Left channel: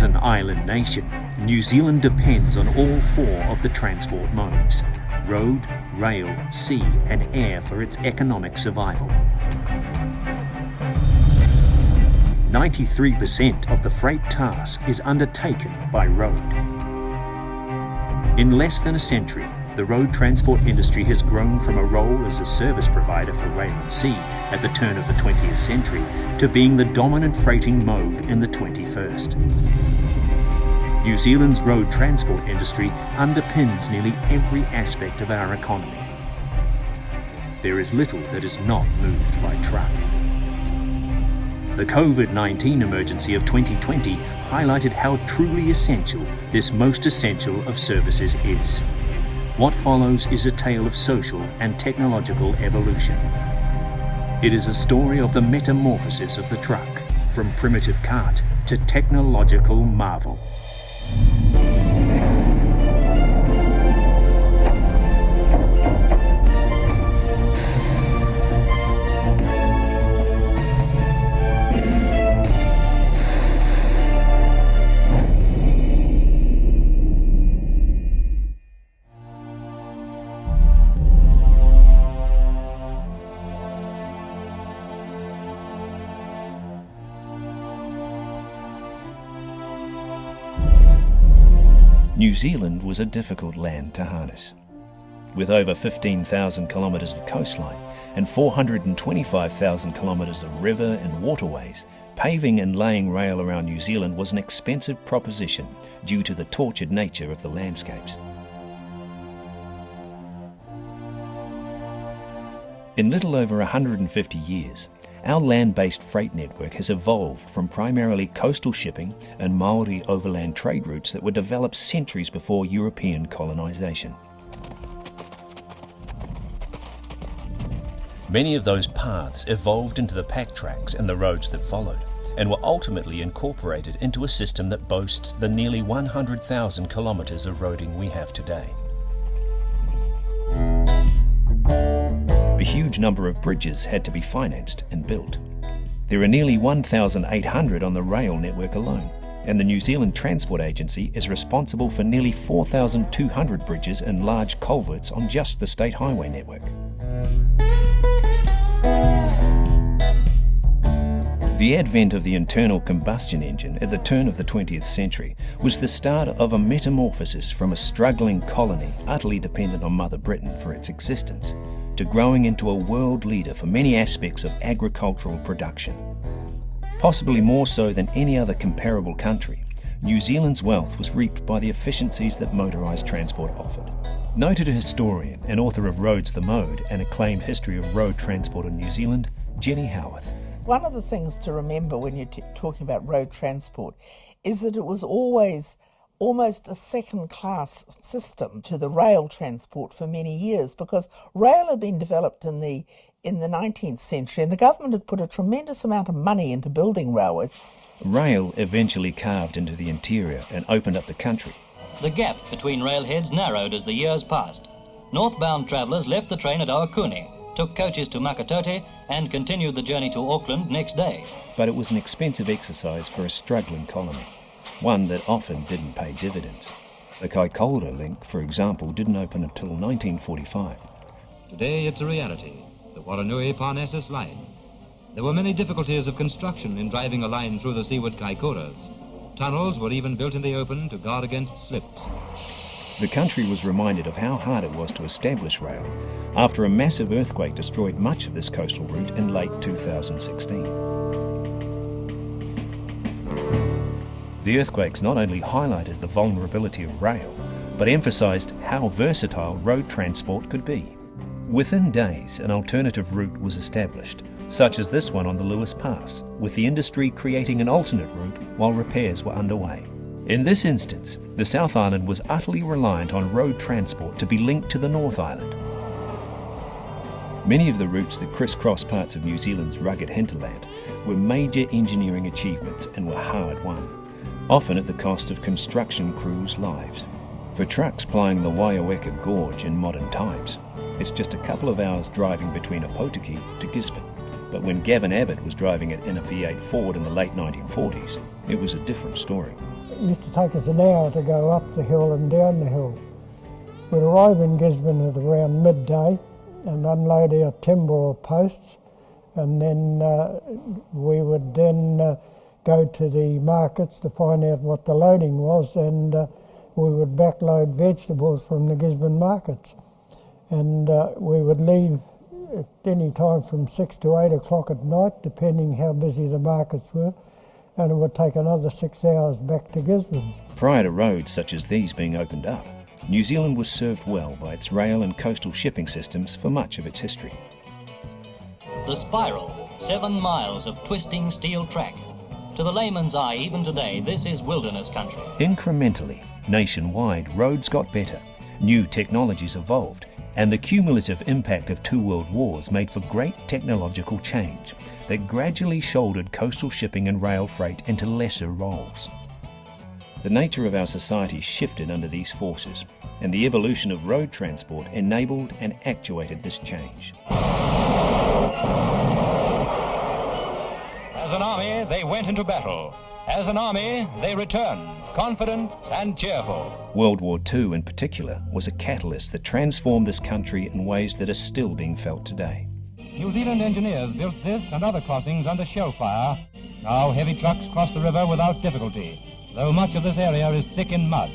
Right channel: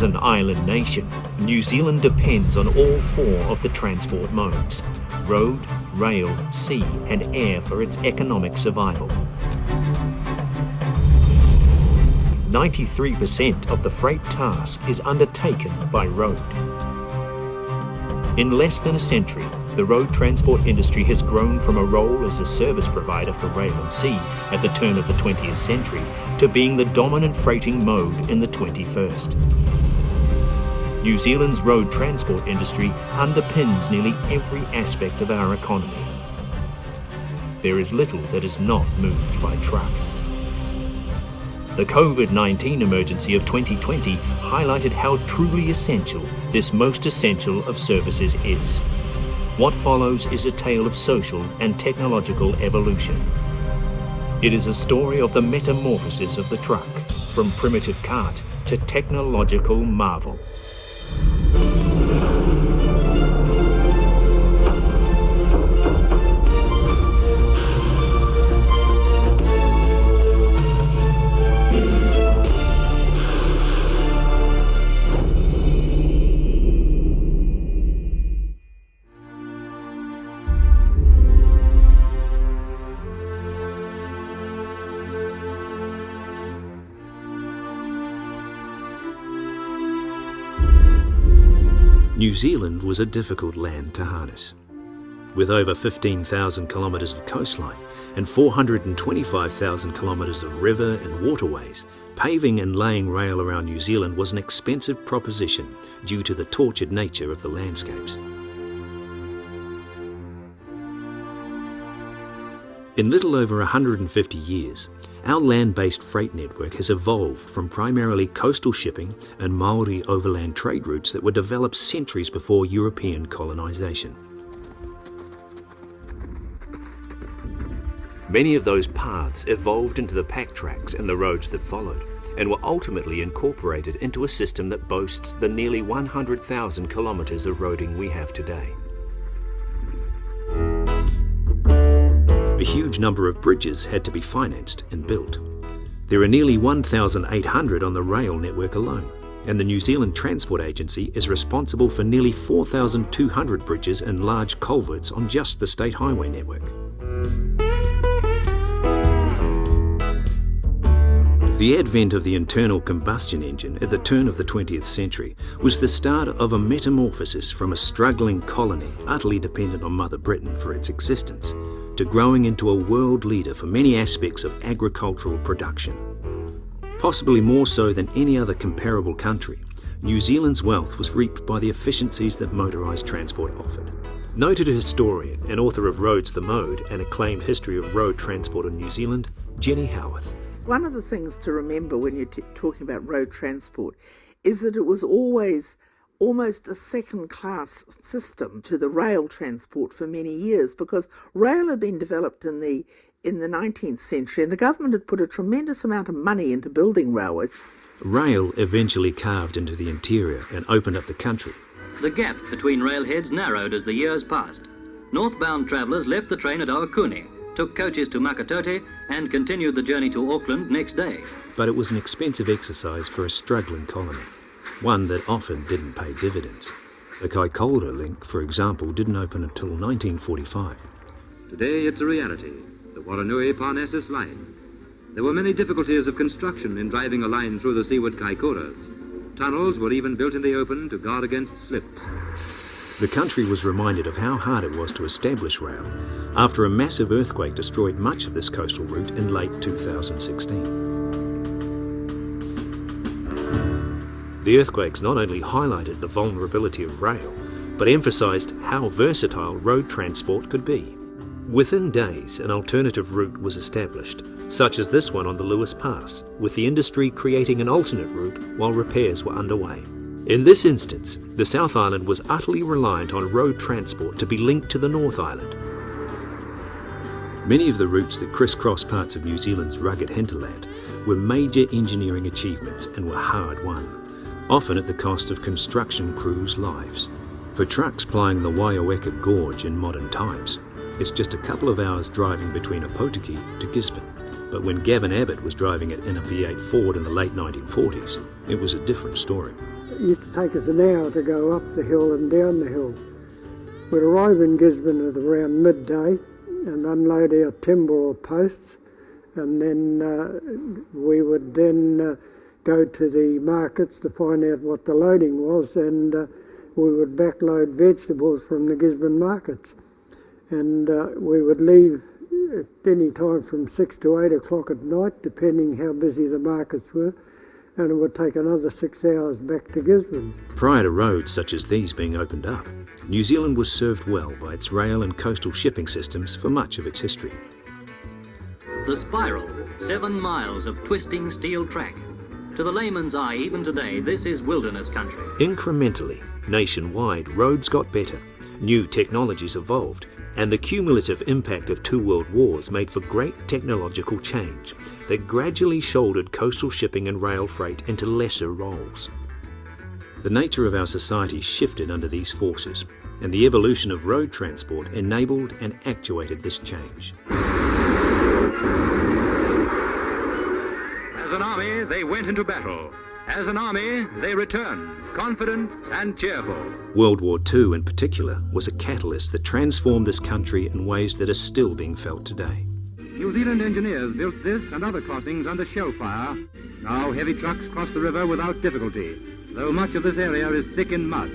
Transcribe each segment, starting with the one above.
As an island nation, New Zealand depends on all four of the transport modes: road, rail, sea and air for its economic survival. 93% of the freight task is undertaken by road. In less than a century, the road transport industry has grown from a role as a service provider for rail and sea at the turn of the 20th century to being the dominant freighting mode in the 21st. New Zealand's road transport industry underpins nearly every aspect of our economy. There is little that is not moved by truck. The COVID-19 emergency of 2020 highlighted how truly essential this most essential of services is. What follows is a tale of social and technological evolution. It is a story of the metamorphosis of the truck, from primitive cart to technological marvel. New Zealand was a difficult land to harness. With over 15,000 kilometres of coastline and 425,000 kilometres of river and waterways, paving and laying rail around New Zealand was an expensive proposition due to the tortured nature of the landscapes. In little over 150 years, our land-based freight network has evolved from primarily coastal shipping and Maori overland trade routes that were developed centuries before European colonisation. Many of those paths evolved into the pack tracks and the roads that followed, and were ultimately incorporated into a system that boasts the nearly 100,000 kilometres of roading we have today. A huge number of bridges had to be financed and built. There are nearly 1,800 on the rail network alone, and the New Zealand Transport Agency is responsible for nearly 4,200 bridges and large culverts on just the state highway network. The advent of the internal combustion engine at the turn of the 20th century was the start of a metamorphosis from a struggling colony utterly dependent on Mother Britain for its existence, to growing into a world leader for many aspects of agricultural production. Possibly more so than any other comparable country, New Zealand's wealth was reaped by the efficiencies that motorised transport offered. Noted historian and author of Roads the Mode, an acclaimed history of road transport in New Zealand, Jenny Howarth. One of the things to remember when you're talking about road transport is that it was always almost a second-class system to the rail transport for many years, because rail had been developed in the 19th century and the government had put a tremendous amount of money into building railways. Rail eventually carved into the interior and opened up the country. The gap between railheads narrowed as the years passed. Northbound travellers left the train at Awakuni, took coaches to Makatote and continued the journey to Auckland next day. But it was an expensive exercise for a struggling colony, one that often didn't pay dividends. The Kaikoura link, for example, didn't open until 1945. Today it's a reality, the Waranui-Parnassus line. There were many difficulties of construction in driving a line through the seaward Kaikouras. Tunnels were even built in the open to guard against slips. The country was reminded of how hard it was to establish rail after a massive earthquake destroyed much of this coastal route in late 2016. The earthquakes not only highlighted the vulnerability of rail, but emphasised how versatile road transport could be. Within days, an alternative route was established, such as this one on the Lewis Pass, with the industry creating an alternate route while repairs were underway. In this instance, the South Island was utterly reliant on road transport to be linked to the North Island. Many of the routes that crisscross parts of New Zealand's rugged hinterland were major engineering achievements and were hard won, often at the cost of construction crews' lives. For trucks plying the Waiaweka Gorge in modern times, it's just a couple of hours driving between Opotiki to Gisborne. But when Gavin Abbott was driving it in a V8 Ford in the late 1940s, it was a different story. It used to take us an hour to go up the hill and down the hill. We'd arrive in Gisborne at around midday and unload our timber or posts, and then we would then go to the markets to find out what the loading was, and we would backload vegetables from the Gisborne markets. And we would leave at any time from 6 to 8 o'clock at night, depending how busy the markets were, and it would take another 6 hours back to Gisborne. Prior to roads such as these being opened up, New Zealand was served well by its rail and coastal shipping systems for much of its history. The spiral, 7 miles of twisting steel track. To the layman's eye, even today, this is wilderness country. Incrementally, nationwide, roads got better, new technologies evolved, and the cumulative impact of 2 world wars made for great technological change that gradually shouldered coastal shipping and rail freight into lesser roles. The nature of our society shifted under these forces, and the evolution of road transport enabled and actuated this change. As an army, they went into battle. As an army, they returned, confident and cheerful. World War II in particular was a catalyst that transformed this country in ways that are still being felt today. New Zealand engineers built this and other crossings under shell fire. Now heavy trucks cross the river without difficulty, though much of this area is thick in mud.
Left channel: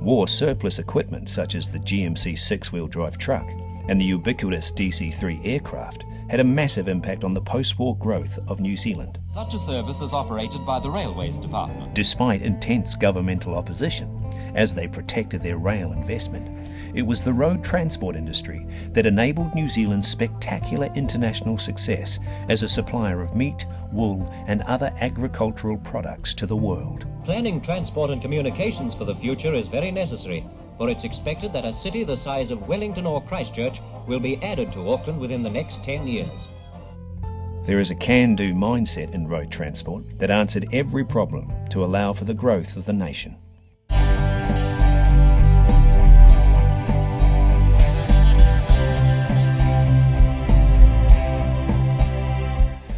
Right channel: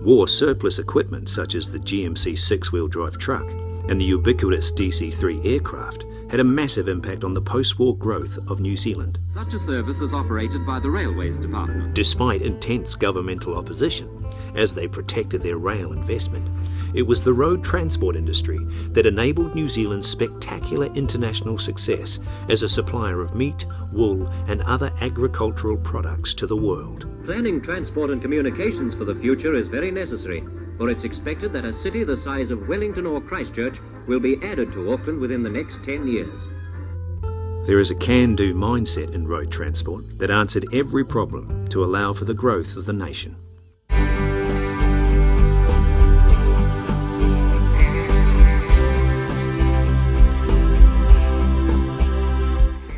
War surplus equipment such as the GMC 6-wheel drive truck and the ubiquitous DC-3 aircraft had a massive impact on the post-war growth of New Zealand. Such a service is operated by the Railways Department. Despite intense governmental opposition, as they protected their rail investment, it was the road transport industry that enabled New Zealand's spectacular international success as a supplier of meat, wool and other agricultural products to the world. Planning transport and communications for the future is very necessary, for it's expected that a city the size of Wellington or Christchurch will be added to Auckland within the next 10 years. There is a can-do mindset in road transport that answered every problem to allow for the growth of the nation.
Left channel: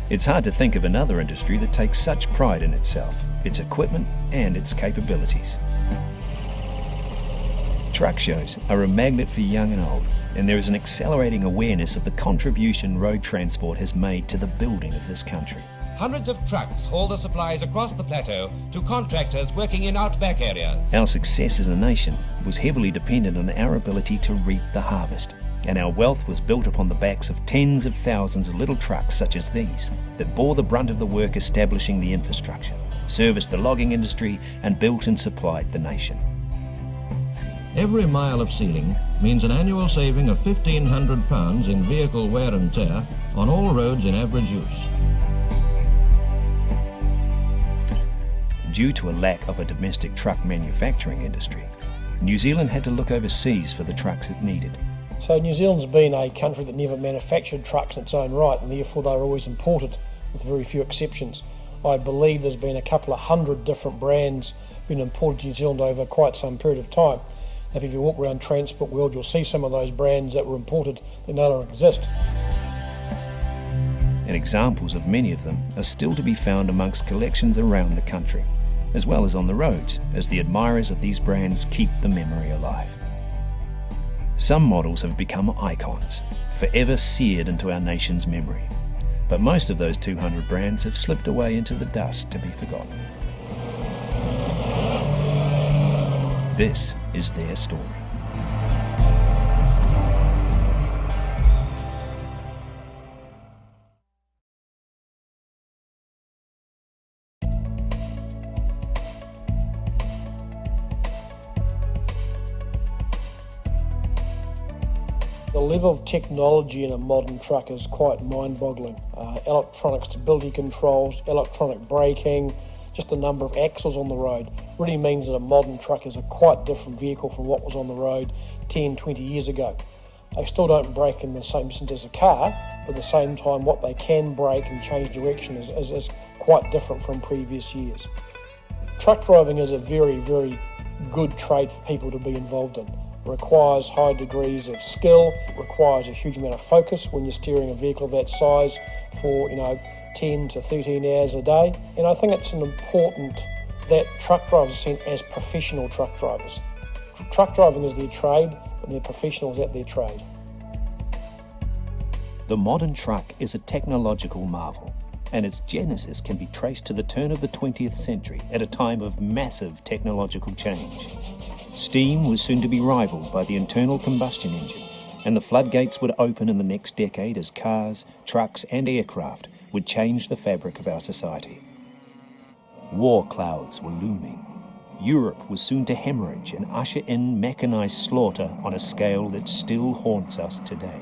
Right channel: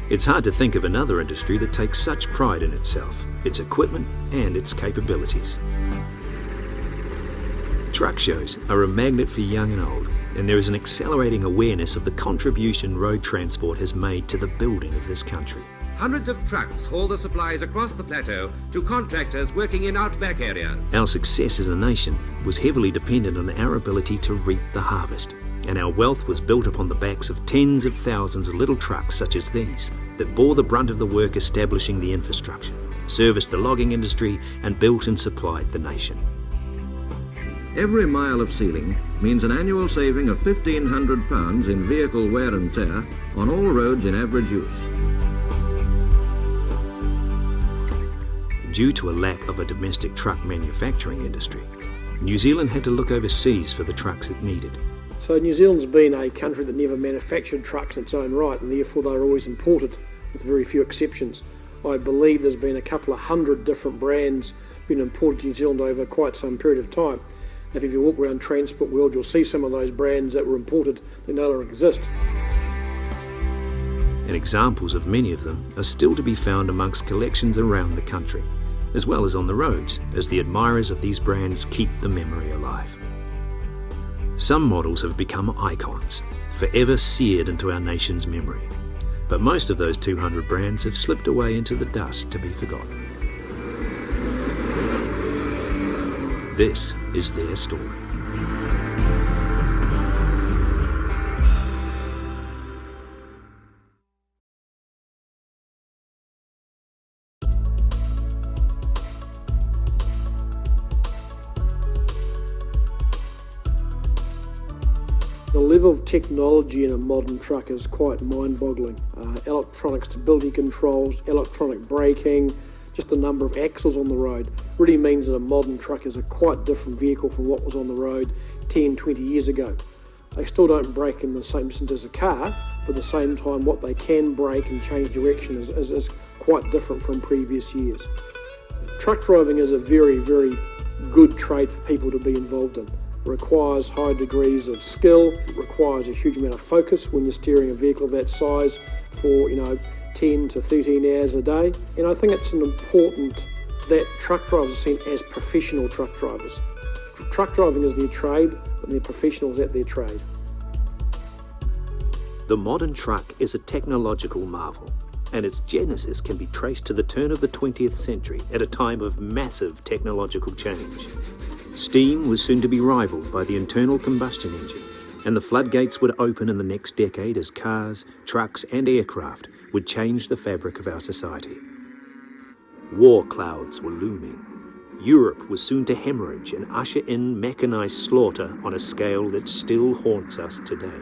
It's hard to think of another industry that takes such pride in itself, its equipment and its capabilities. Truck shows are a magnet for young and old, and there is an accelerating awareness of the contribution road transport has made to the building of this country. Hundreds of trucks haul the supplies across the plateau to contractors working in outback areas. Our success as a nation was heavily dependent on our ability to reap the harvest, and our wealth was built upon the backs of tens of thousands of little trucks such as these that bore the brunt of the work establishing the infrastructure, serviced the logging industry and built and supplied the nation. Every mile of sealing means an annual saving of £1,500 in vehicle wear and tear on all roads in average use. Due to a lack of a domestic truck manufacturing industry, New Zealand had to look overseas for the trucks it needed. So New Zealand's been a country that never manufactured trucks in its own right, and therefore they're always imported, with very few exceptions. I believe there's been a couple of hundred different brands been imported to New Zealand over quite some period of time. If you walk around Transport World, you'll see some of those brands that were imported that no longer exist. And examples of many of them are still to be found amongst collections around the country, as well as on the roads, as the admirers of these brands keep the memory alive. Some models have become icons, forever seared into our nation's memory. But most of those 200 brands have slipped away into the dust to be forgotten. This is their story. The level of technology in a modern truck is quite mind-boggling. Electronic stability controls, electronic braking, just the number of axles on the road really means that a modern truck is a quite different vehicle from what was on the road 10, 20 years ago. They still don't brake in the same distance as a car, but at the same time what they can brake and change direction is quite different from previous years. Truck driving is a very, very good trade for people to be involved in. It requires high degrees of skill, it requires a huge amount of focus when you're steering a vehicle of that size for, 10 to 13 hours a day. And I think it's important that truck drivers are seen as professional truck drivers. Truck driving is their trade, and they're professionals at their trade. The modern truck is a technological marvel, and its genesis can be traced to the turn of the 20th century at a time of massive technological change. Steam was soon to be rivaled by the internal combustion engine, and the floodgates would open in the next decade as cars, trucks and aircraft would change the fabric of our society. War clouds were looming. Europe was soon to hemorrhage and usher in mechanised slaughter on a scale that still haunts us today.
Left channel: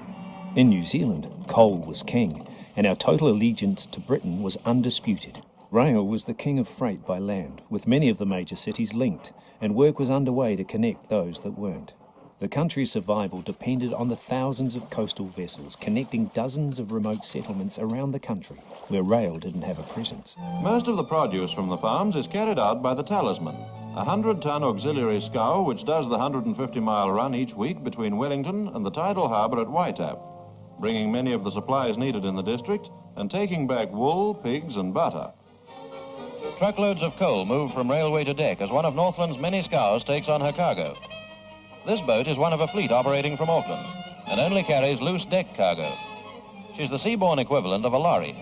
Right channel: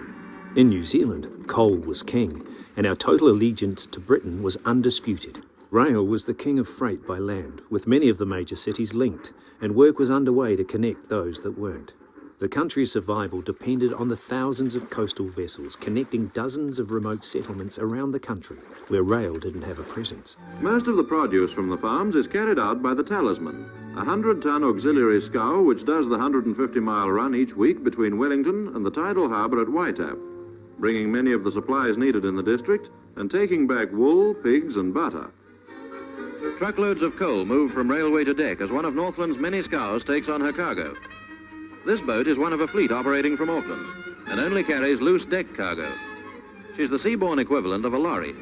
In New Zealand, coal was king, and our total allegiance to Britain was undisputed. Rail was the king of freight by land, with many of the major cities linked, and work was underway to connect those that weren't. The country's survival depended on the thousands of coastal vessels connecting dozens of remote settlements around the country where rail didn't have a presence. Most of the produce from the farms is carried out by the Talisman, a 100-ton auxiliary scow which does the 150-mile run each week between Wellington and the tidal harbour at Waitap, bringing many of the supplies needed in the district and taking back wool, pigs and butter. Truckloads of coal move from railway to deck as one of Northland's many scows takes on her cargo. This boat is one of a fleet operating from Auckland and only carries loose deck cargo. She's the seaborne equivalent of a lorry.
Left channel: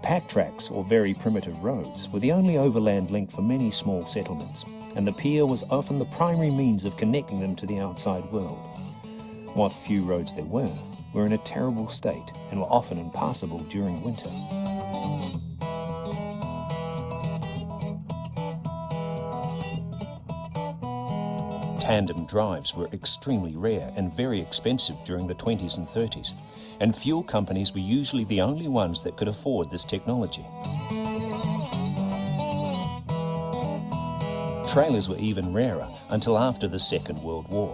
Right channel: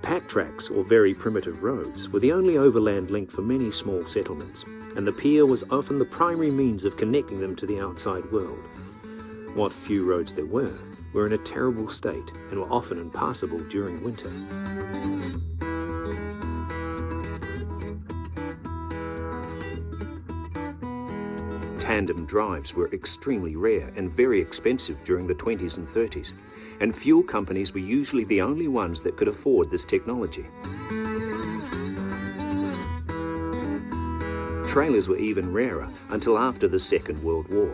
Pack tracks, or very primitive roads, were the only overland link for many small settlements, and the pier was often the primary means of connecting them to the outside world. What few roads there were in a terrible state and were often impassable during winter. Tandem drives were extremely rare and very expensive during the 20s and 30s, and fuel companies were usually the only ones that could afford this technology. Trailers were even rarer until after the Second World War.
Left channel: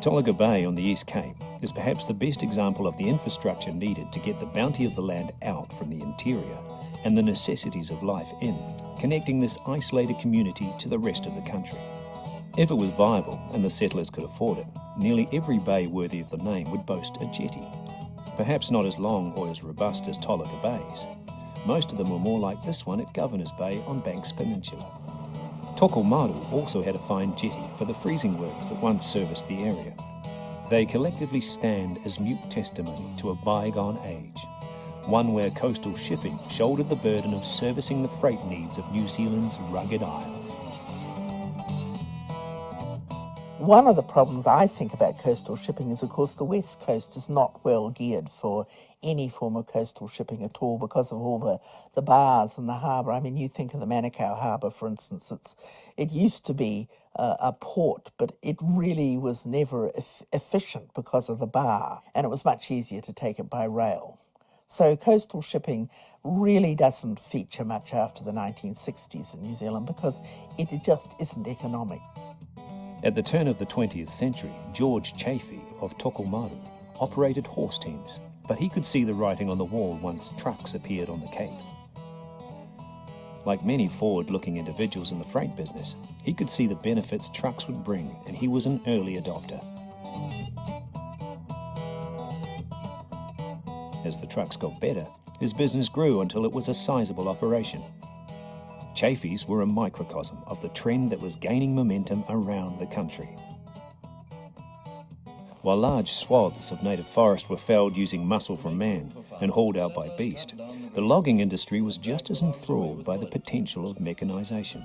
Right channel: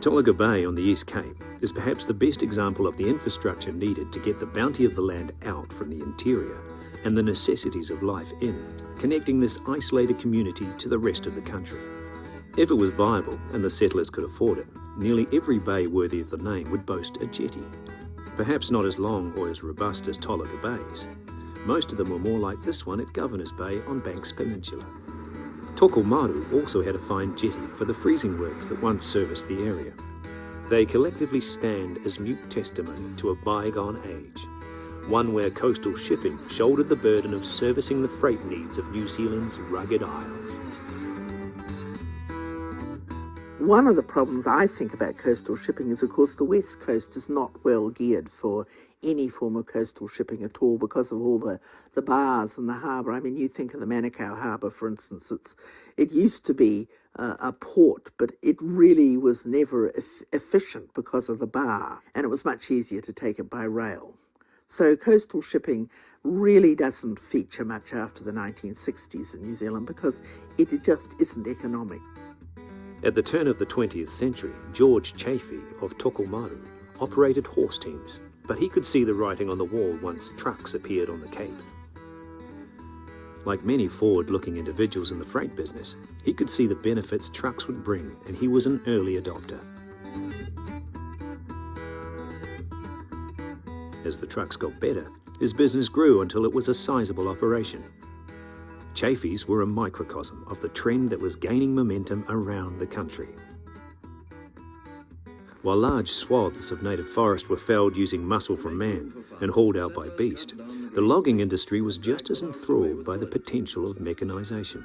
Tolaga Bay on the East Cape is perhaps the best example of the infrastructure needed to get the bounty of the land out from the interior and the necessities of life in, connecting this isolated community to the rest of the country. If it was viable and the settlers could afford it, nearly every bay worthy of the name would boast a jetty. Perhaps not as long or as robust as Tolaga Bay's. Most of them were more like this one at Governor's Bay on Banks Peninsula. Tokomaru also had a fine jetty for the freezing works that once serviced the area. They collectively stand as mute testimony to a bygone age, one where coastal shipping shouldered the burden of servicing the freight needs of New Zealand's rugged isles. One of the problems I think about coastal shipping is, of course, the West Coast is not well geared for any form of coastal shipping at all because of all the bars and the harbour. I mean, you think of the Manukau Harbour, for instance. It used to be a port, but it really was never efficient because of the bar, and it was much easier to take it by rail. So coastal shipping really doesn't feature much after the 1960s in New Zealand because it just isn't economic. At the turn of the 20th century, George Chafee of Tokomaru operated horse teams, but he could see the writing on the wall once trucks appeared on the Cape. Like many forward-looking individuals in the freight business, he could see the benefits trucks would bring, and he was an early adopter. As the trucks got better, his business grew until it was a sizable operation. Chafees were a microcosm of the trend that was gaining momentum around the country. While large swaths of native forest were felled using muscle from man and hauled out by beast, the logging industry was just as enthralled by the potential of mechanisation.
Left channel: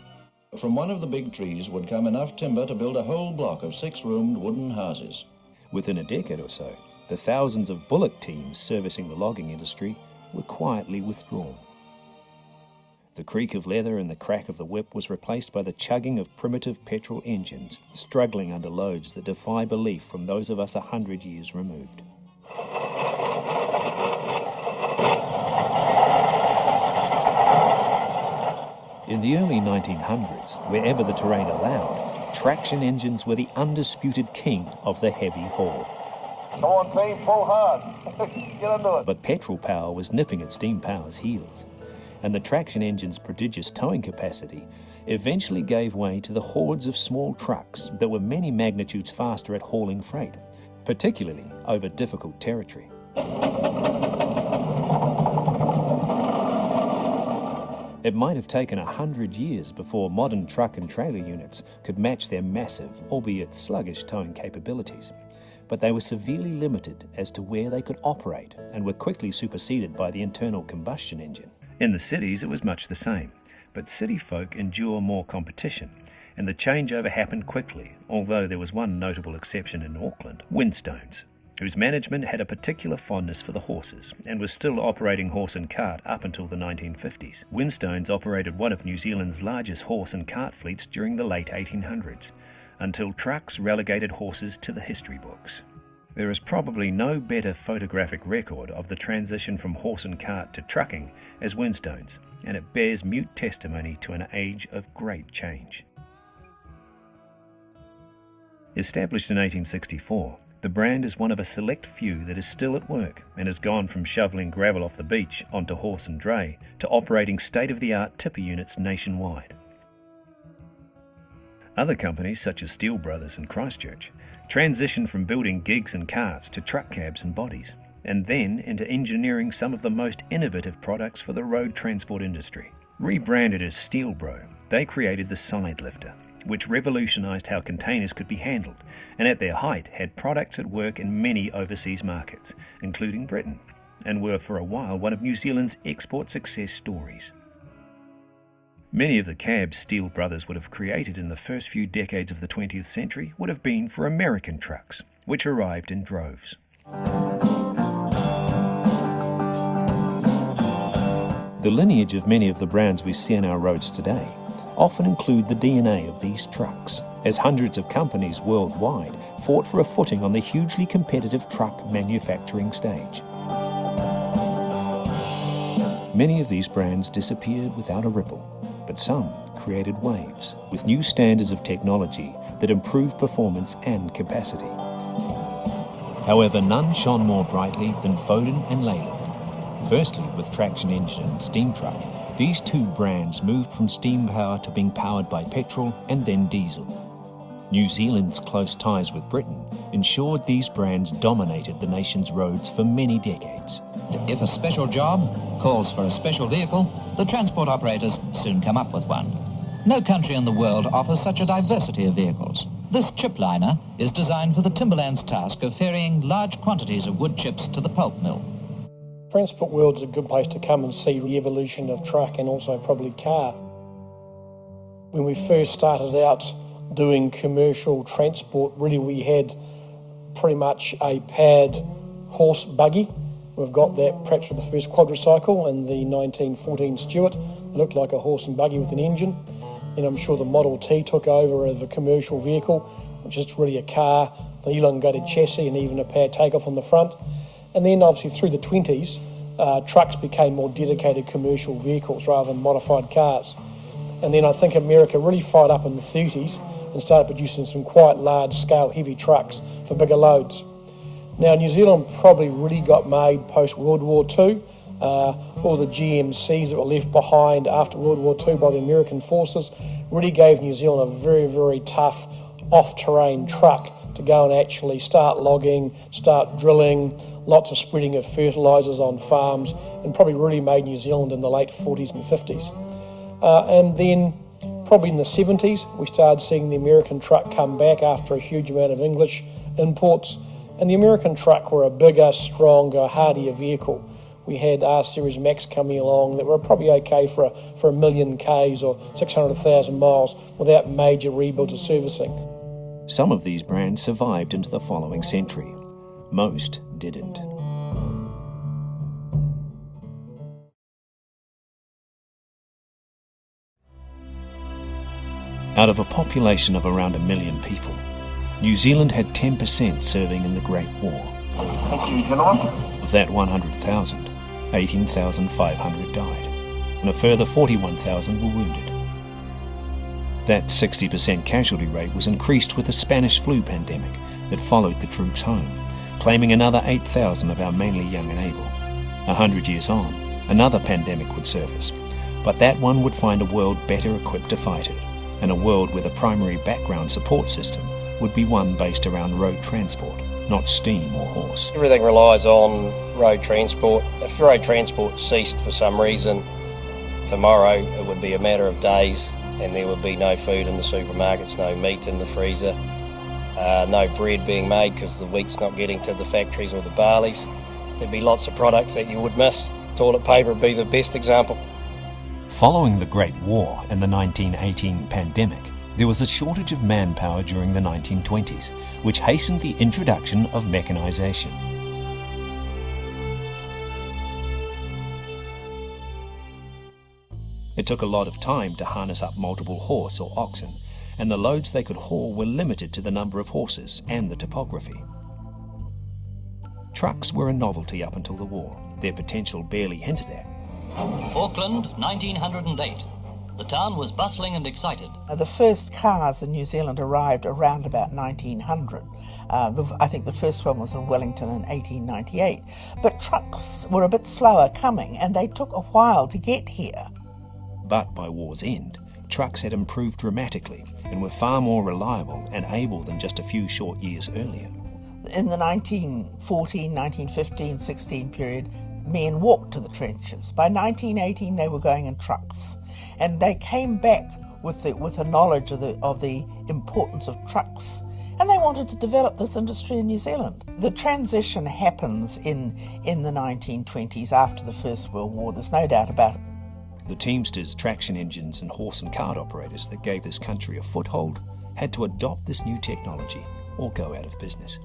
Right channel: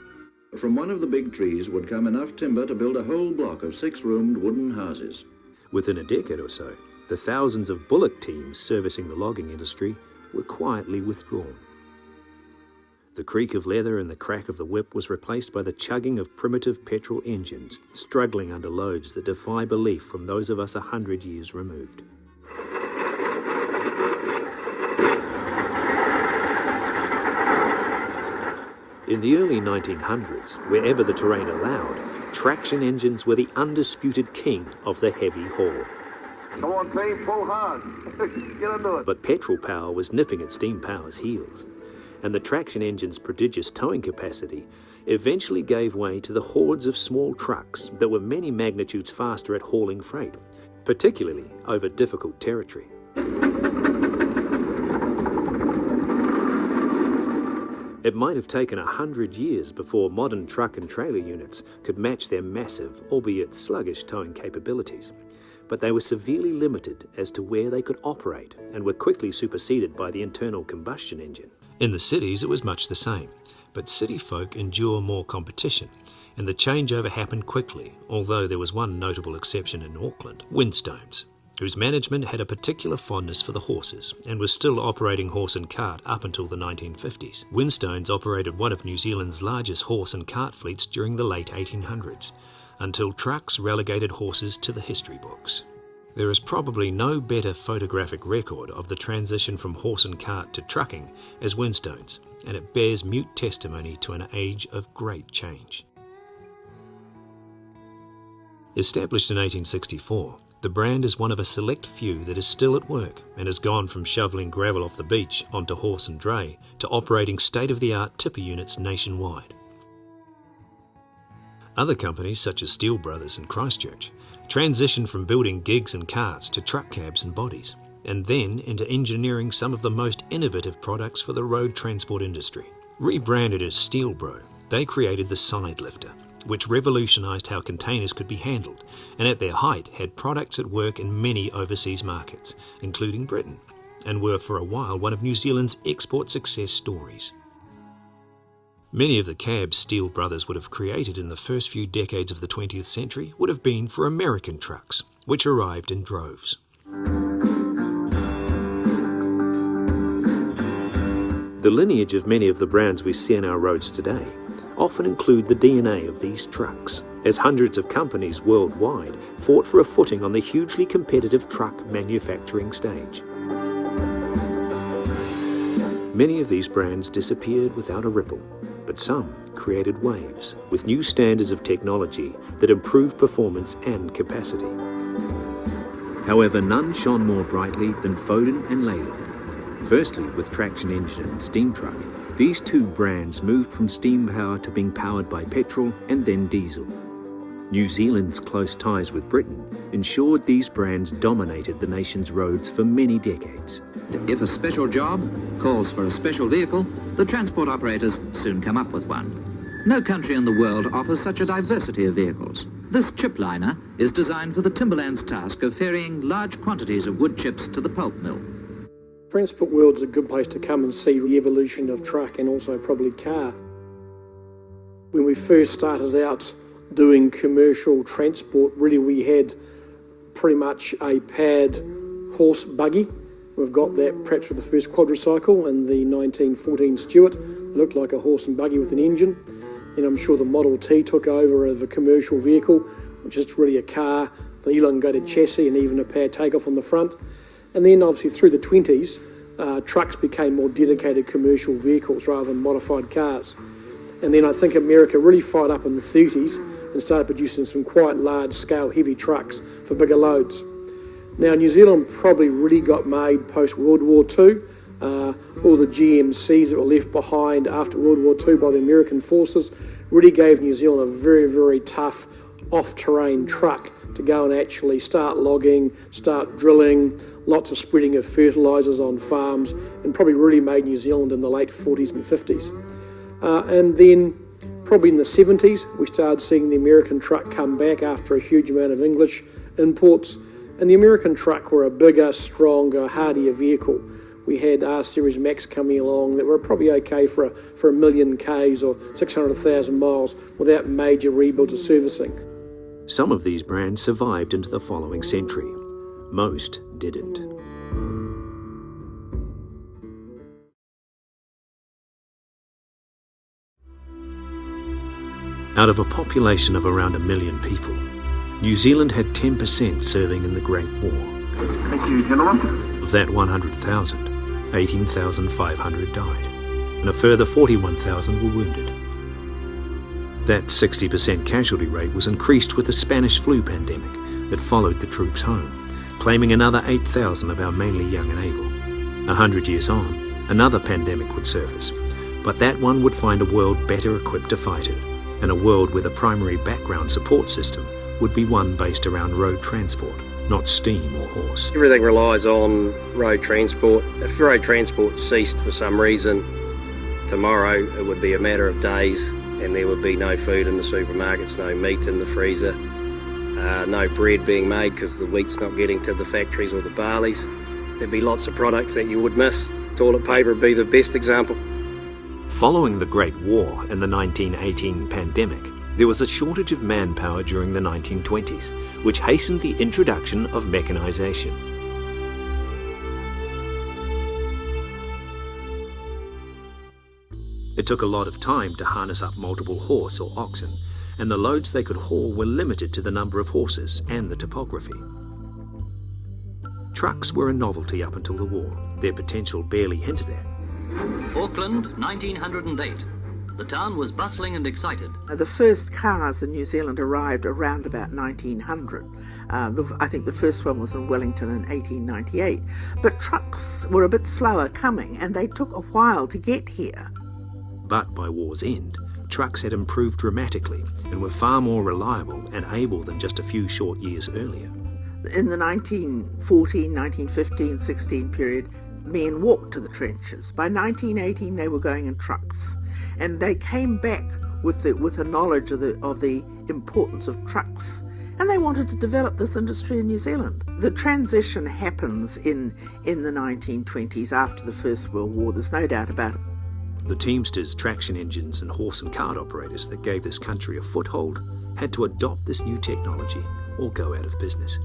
From one of the big trees would come enough timber to build a whole block of 6-roomed wooden houses. Within a decade or so, the thousands of bullock teams servicing the logging industry were quietly withdrawn. The creak of leather and the crack of the whip was replaced by the chugging of primitive petrol engines, struggling under loads that defy belief from those of us 100 years removed. In the early 1900s, wherever the terrain allowed, traction engines were the undisputed king of the heavy haul. Come on, team, pull hard. Get into it. But petrol power was nipping at steam power's heels. and the traction engine's prodigious towing capacity eventually gave way to the hordes of small trucks that were many magnitudes faster at hauling freight, particularly over difficult territory. It might have taken 100 years before modern truck and trailer units could match their massive, albeit sluggish, towing capabilities. But they were severely limited as to where they could operate and were quickly superseded by the internal combustion engine. In the cities it was much the same, but city folk endure more competition, and the changeover happened quickly, although there was one notable exception in Auckland, Winstones, whose management had a particular fondness for the horses and was still operating horse and cart up until the 1950s. Winstones operated one of New Zealand's largest horse and cart fleets during the late 1800s, until trucks relegated horses to the history books. There is probably no better photographic record of the transition from horse and cart to trucking as Winstones, and it bears mute testimony to an age of great change. Established in 1864, the brand is one of a select few that is still at work and has gone from shovelling gravel off the beach onto horse and dray to operating state-of-the-art tipper units nationwide. Other companies such as Steel Brothers and Christchurch transitioned from building gigs and carts to truck cabs and bodies, and then into engineering some of the most innovative products for the road transport industry. Rebranded as Steel Bro, they created the side lifter, which revolutionised how containers could be handled, and at their height had products at work in many overseas markets, including Britain, and were for a while one of New Zealand's export success stories. Many of the cabs Steel Brothers would have created in the first few decades of the 20th century would have been for American trucks, which arrived in droves. The lineage of many of the brands we see on our roads today often include the DNA of these trucks, as hundreds of companies worldwide fought for a footing on the hugely competitive truck manufacturing stage. Many of these brands disappeared without a ripple, but some created waves with new standards of technology that improved performance and capacity. However, none shone more brightly than Foden and Leyland. Firstly, with traction engine and steam truck, these two brands moved from steam power to being powered by petrol and then diesel. New Zealand's close ties with Britain ensured these brands dominated the nation's roads for many decades. If a special job calls for a special vehicle, the transport operators soon come up with one. No country in the world offers such a diversity of vehicles. This chip liner is designed for the timberland's task of ferrying large quantities of wood chips to the pulp mill. Transport world is a good place to come and see the evolution of truck and also probably car. When we first started out doing commercial transport, really we had pretty much a pad horse buggy. We've got that perhaps with the first quadricycle and the 1914 Stuart. It looked like a horse and buggy with an engine. And I'm sure the Model T took over as a commercial vehicle, which is really a car, the elongated chassis and even a pad takeoff on the front. And then obviously through the 20s, trucks became more dedicated commercial vehicles rather than modified cars. And then I think America really fired up in the 30s and started producing some quite large-scale heavy trucks for bigger loads. Now New Zealand probably really got made post-World War II. All the GMCs that were left behind after World War II by the American forces really gave New Zealand a very, very tough off-terrain truck to go and actually start logging, start drilling, lots of spreading of fertilisers on farms, and probably really made New Zealand in the late 40s and 50s. And then probably in the 70s, we started seeing the American truck come back after a huge amount of English imports. And the American truck were a bigger, stronger, hardier vehicle. We had R-Series Max coming along that were probably okay for a million Ks or 600,000 miles without major rebuilds or servicing. Some of these brands survived into the following century. Most didn't. Out of a population of around 1 million people, New Zealand had 10% serving in the Great War. Thank you, gentlemen. Of that 100,000, 18,500 died, and a further 41,000 were wounded. That 60% casualty rate was increased with the Spanish flu pandemic that followed the troops home, claiming another 8,000 of our mainly young and able. 100 years on, another pandemic would surface, But that one would find a world better equipped to fight it, and a world where the primary background support system would be one based around road transport, not steam or horse. Everything relies on road transport. If road transport ceased for some reason, tomorrow it would be a matter of days and there would be no food in the supermarkets, no meat in the freezer, no bread being made because the wheat's not getting to the factories or the barleys. There'd be lots of products that you would miss. Toilet paper would be the best example. Following the Great War and the 1918 pandemic, there was a shortage of manpower during the 1920s, which hastened the introduction of mechanisation. It took a lot of time to harness up multiple horse or oxen, and the loads they could haul were limited to the number of horses and the topography. Trucks were a novelty up until the war, their potential barely hinted at. Auckland, 1908. The town was bustling and excited. The first cars in New Zealand arrived around about 1900. I think the first one was in Wellington in 1898. But trucks were a bit slower coming, and they took a while to get here. But by war's end, trucks had improved dramatically and were far more reliable and able than just a few short years earlier. In the 1914, 1915, 16 period, men walked to the trenches. By 1918, they were going in trucks. And they came back with a knowledge of the importance of trucks, and they wanted to develop this industry in New Zealand. The transition happens in the 1920s after the First World War, there's no doubt about it. The Teamsters, traction engines and horse and cart operators that gave this country a foothold had to adopt this new technology or go out of business.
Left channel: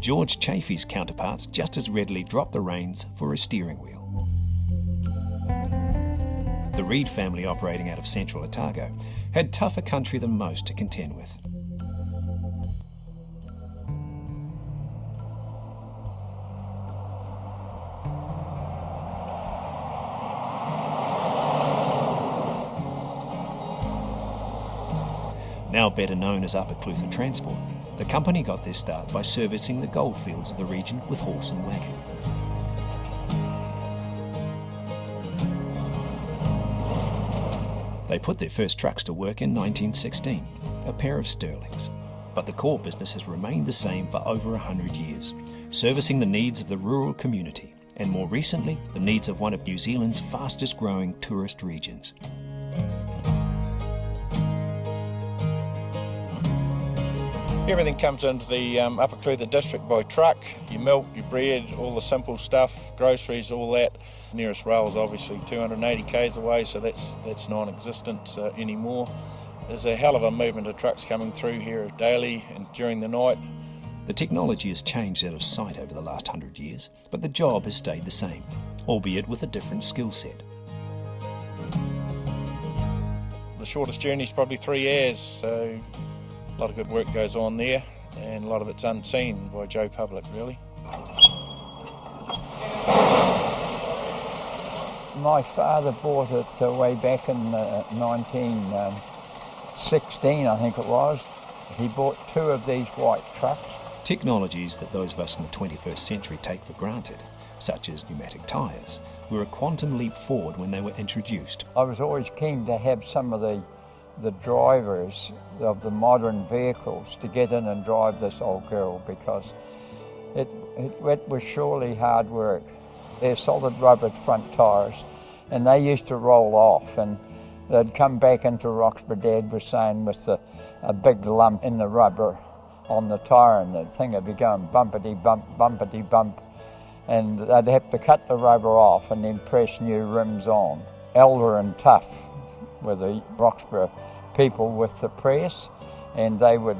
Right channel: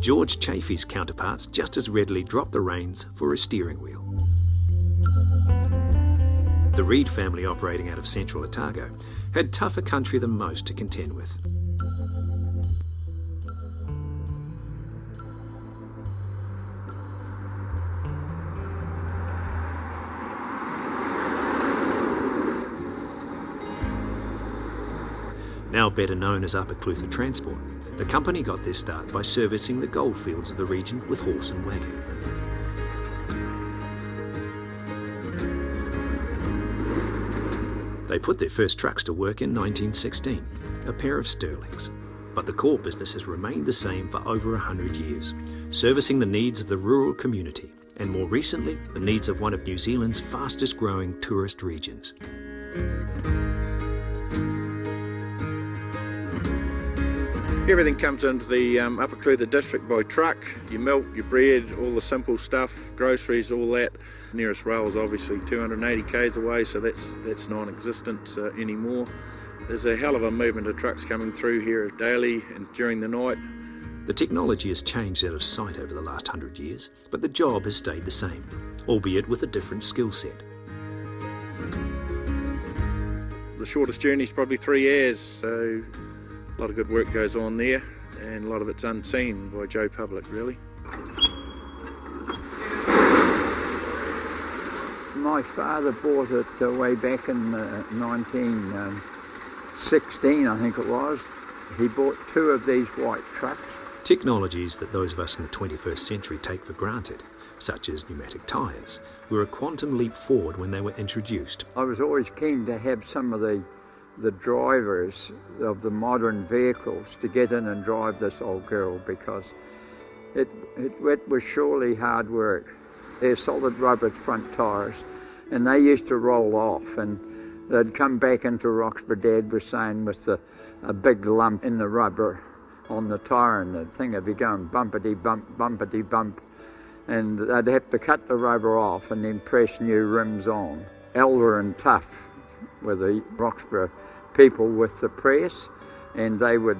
George Chaffee's counterparts just as readily dropped the reins for a steering wheel. The Reid family, operating out of central Otago, had tougher country than most to contend with. Now better known as Upper Clutha Transport, the company got their start by servicing the goldfields of the region with horse and wagon. They put their first trucks to work in 1916, a pair of Sterlings. But the core business has remained the same for over 100 years, servicing the needs of the rural community, and more recently, the needs of one of New Zealand's fastest growing tourist regions. Everything comes into the Upper Clutha district by truck. Your milk, your bread, all the simple stuff, groceries, all that. Nearest rail is obviously 280 k's away, so that's non-existent anymore. There's a hell of a movement of trucks coming through here daily and during the night. The technology has changed out of sight over the last 100 years, but the job has stayed the same, albeit with a different skill set. The shortest journey is probably 3 hours, so a lot of good work goes on there, and a lot of it's unseen by Joe Public, really. My father bought it way back in 1916, I think it was. He bought 2 of these white trucks. Technologies that those of us in the 21st century take for granted, such as pneumatic tyres, were a quantum leap forward when they were introduced. I was always keen to have some of the drivers of the modern vehicles to get in and drive this old girl, because it was surely hard work. They're solid rubber front tyres, and they used to roll off, and they'd come back into Roxburgh, Dad was saying, with a big lump in the rubber on the tyre, and the thing would be going bumpity bump, bumpity bump, and they'd have to cut the rubber off and then press new rims on. Elder and Tough were the Roxburgh people with the press, and they would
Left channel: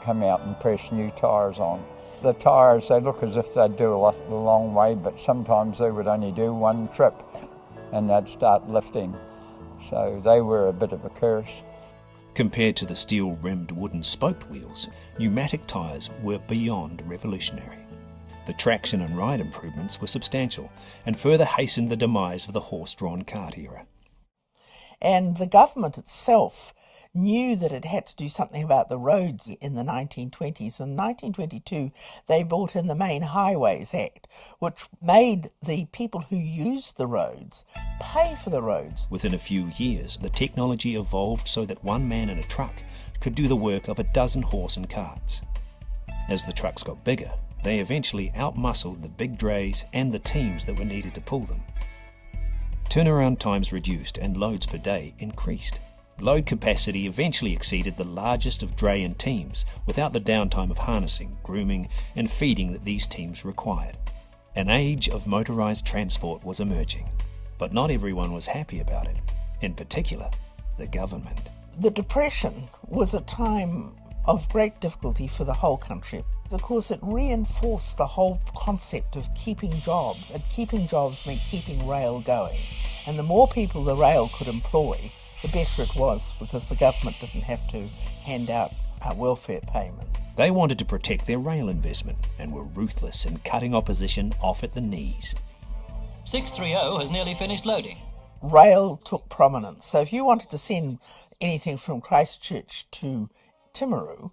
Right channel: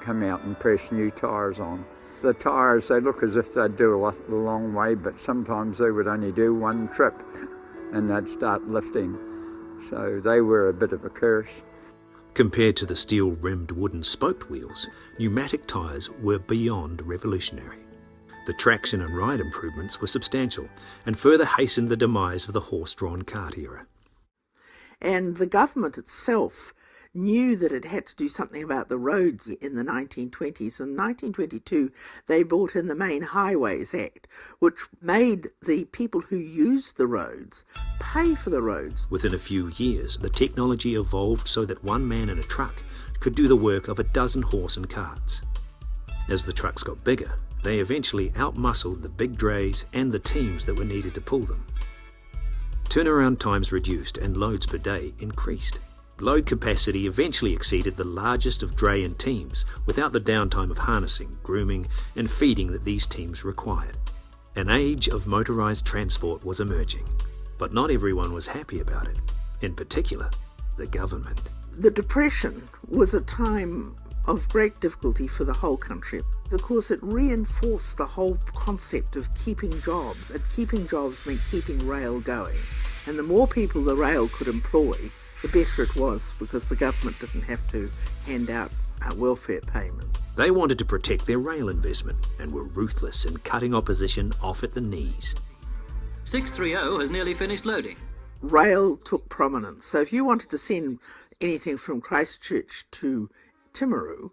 come out and press new tyres on. The tyres, they look as if they'd do a long way, but sometimes they would only do 1 trip and they'd start lifting. So they were a bit of a curse. Compared to the steel-rimmed wooden spoked wheels, pneumatic tyres were beyond revolutionary. The traction and ride improvements were substantial and further hastened the demise of the horse-drawn cart era. And the government itself knew that it had to do something about the roads in the 1920s. In 1922, they brought in the Main Highways Act, which made the people who used the roads pay for the roads. Within a few years, the technology evolved so that one man in a truck could do the work of a dozen horse and carts. As the trucks got bigger, they eventually outmuscled the big drays and the teams that were needed to pull them. Turnaround times reduced and loads per day increased. Load capacity eventually exceeded the largest of dray and teams without the downtime of harnessing, grooming and feeding that these teams required. An age of motorised transport was emerging, but not everyone was happy about it, in particular, the government. The Depression was a time of great difficulty for the whole country. Of course, it reinforced the whole concept of keeping jobs, and keeping jobs meant keeping rail going. And the more people the rail could employ, the better it was, because the government didn't have to hand out welfare payments. They wanted to protect their rail investment and were ruthless in cutting opposition off at the knees. 630 has nearly finished loading. Rail took prominence. So if you wanted to send anything from Christchurch to Timaru,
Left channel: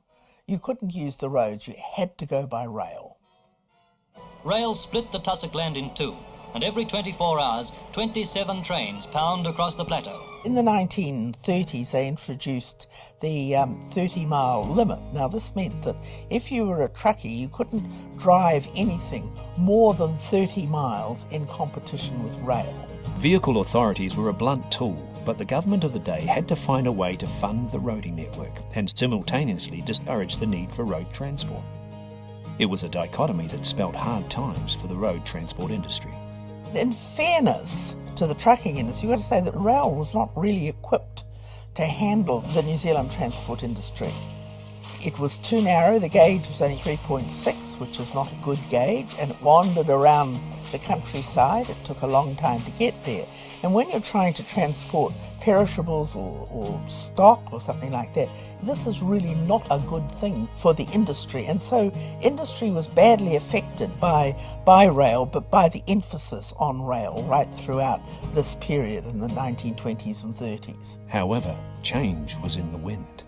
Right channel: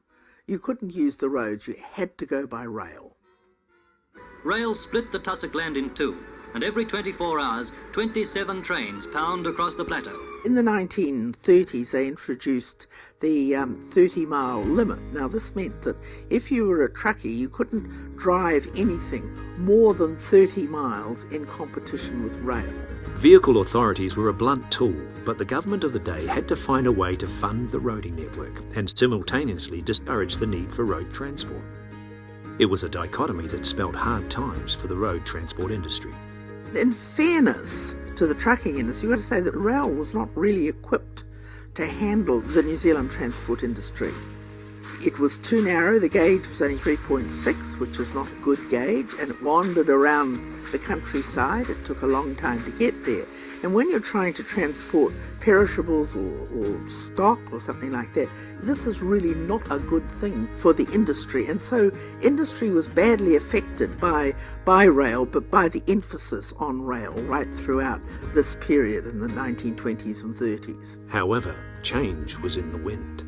you couldn't use the roads, you had to go by rail. Rail split the tussock land in two, and every 24 hours, 27 trains pound across the plateau. In the 1930s, they introduced the 30-mile limit. Now, this meant that if you were a truckie, you couldn't drive anything more than 30 miles in competition with rail. Vehicle authorities were a blunt tool, but the government of the day had to find a way to fund the roading network and simultaneously discourage the need for road transport. It was a dichotomy that spelt hard times for the road transport industry. In fairness to the trucking industry, you've got to say that rail was not really equipped to handle the New Zealand transport industry. It was too narrow, the gauge was only 3.6, which is not a good gauge, and it wandered around the countryside. It took a long time to get there. And when you're trying to transport perishables or stock or something like that, this is really not a good thing for the industry. And so industry was badly affected by rail, but by the emphasis on rail right throughout this period in the 1920s and 30s. However, change was in the wind.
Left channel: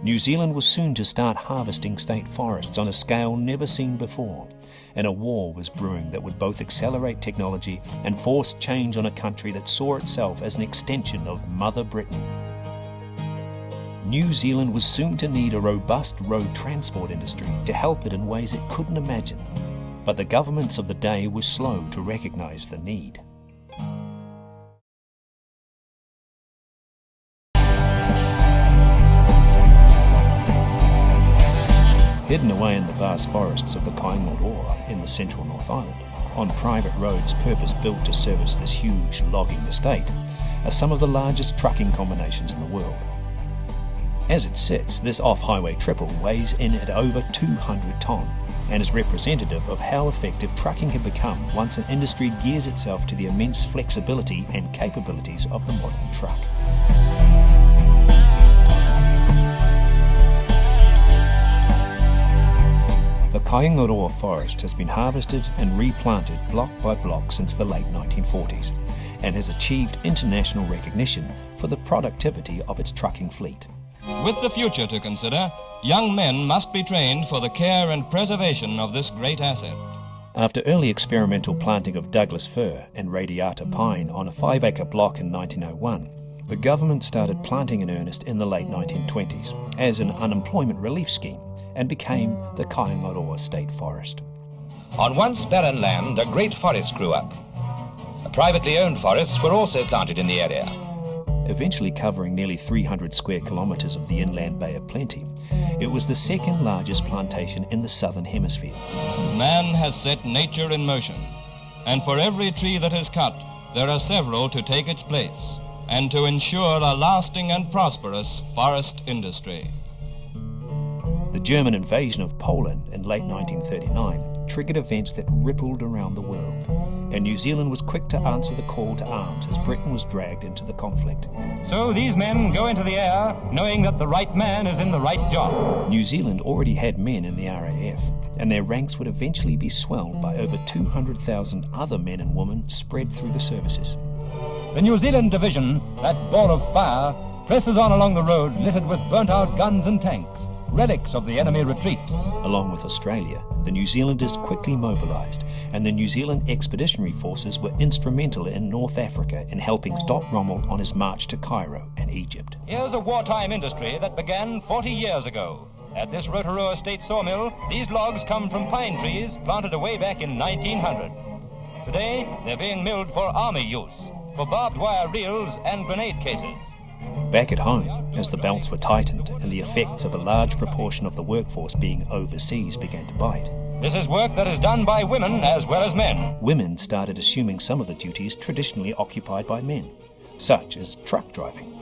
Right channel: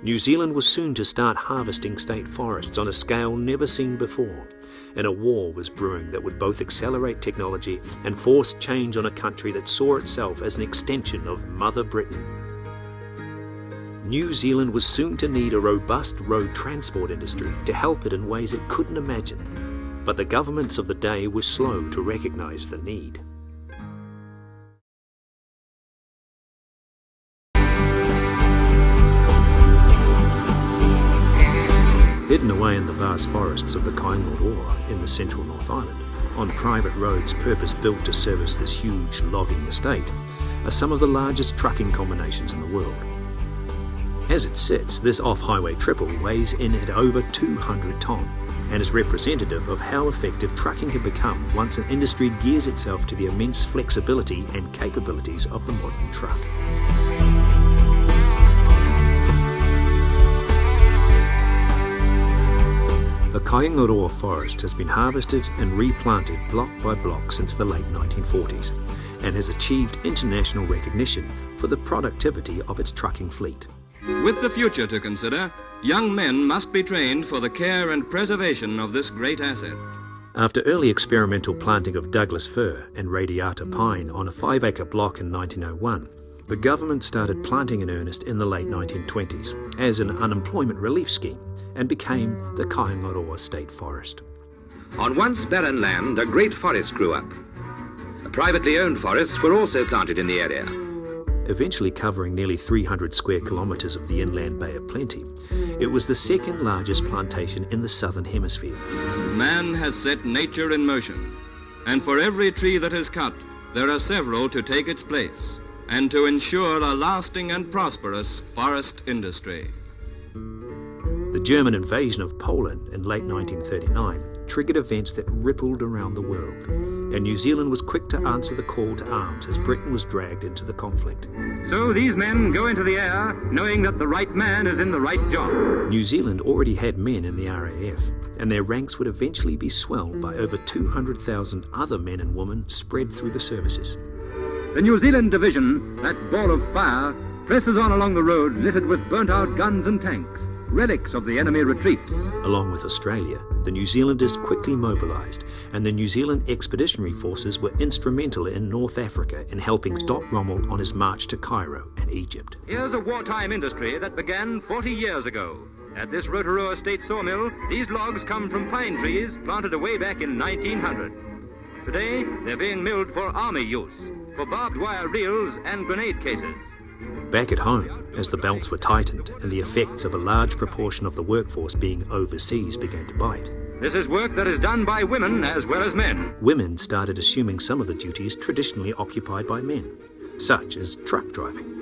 New Zealand was soon to start harvesting state forests on a scale never seen before, and a war was brewing that would both accelerate technology and force change on a country that saw itself as an extension of Mother Britain. New Zealand was soon to need a robust road transport industry to help it in ways it couldn't imagine, but the governments of the day were slow to recognise the need. Hidden away in the vast forests of the Kaingaroa in the central North Island, on private roads purpose-built to service this huge logging estate, are some of the largest trucking combinations in the world. As it sits, this off-highway triple weighs in at over 200 tonne and is representative of how effective trucking had become once an industry gears itself to the immense flexibility and capabilities of the modern truck. The Kaingaroa forest has been harvested and replanted block by block since the late 1940s and has achieved international recognition for the productivity of its trucking fleet. With the future to consider, young men must be trained for the care and preservation of this great asset. After early experimental planting of Douglas fir and radiata pine on a 5-acre block in 1901, the government started planting in earnest in the late 1920s as an unemployment relief scheme, and became the Kaingaroa State Forest. On once barren land, a great forest grew up. Privately owned forests were also planted in the area. Eventually covering nearly 300 square kilometres of the inland Bay of Plenty, it was the second largest plantation in the southern hemisphere. Man has set nature in motion, and for every tree that is cut, there are several to take its place, and to ensure a lasting and prosperous forest industry. The German invasion of Poland in late 1939 triggered events that rippled around the world, and New Zealand was quick to answer the call to arms as Britain was dragged into the conflict. So these men go into the air knowing that the right man is in the right job. New Zealand already had men in the RAF, and their ranks would eventually be swelled by over 200,000 other men and women spread through the services. The New Zealand division, that ball of fire, presses on along the road littered with burnt-out guns and tanks, relics of the enemy retreat. Along with Australia, the New Zealanders quickly mobilised, and the New Zealand Expeditionary Forces were instrumental in North Africa in helping stop Rommel on his march to Cairo and Egypt. Here's a wartime industry that began 40 years ago. At this Rotorua State sawmill, these logs come from pine trees planted way back in 1900. Today, they're being milled for army use, for barbed wire reels and grenade cases. Back at home, as the belts were tightened and the effects of a large proportion of the workforce being overseas began to bite, This is work that is done by women as well as men. women started assuming some of the duties traditionally occupied by men, such as truck driving.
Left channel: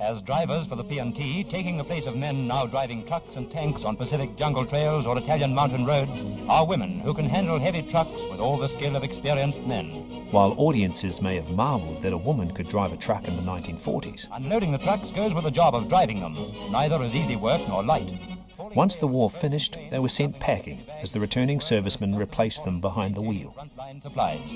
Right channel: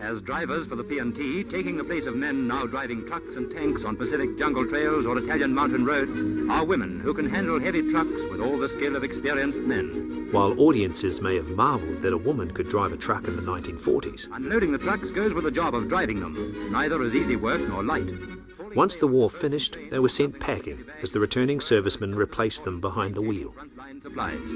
As drivers for the P&T, taking the place of men now driving trucks and tanks on Pacific jungle trails or Italian mountain roads, are women who can handle heavy trucks with all the skill of experienced men. While audiences may have marvelled that a woman could drive a truck in the 1940s, Unloading the trucks goes with the job of driving them. Neither is easy work nor light. once the war finished, they were sent packing as the returning servicemen replaced them behind the wheel. Frontline supplies.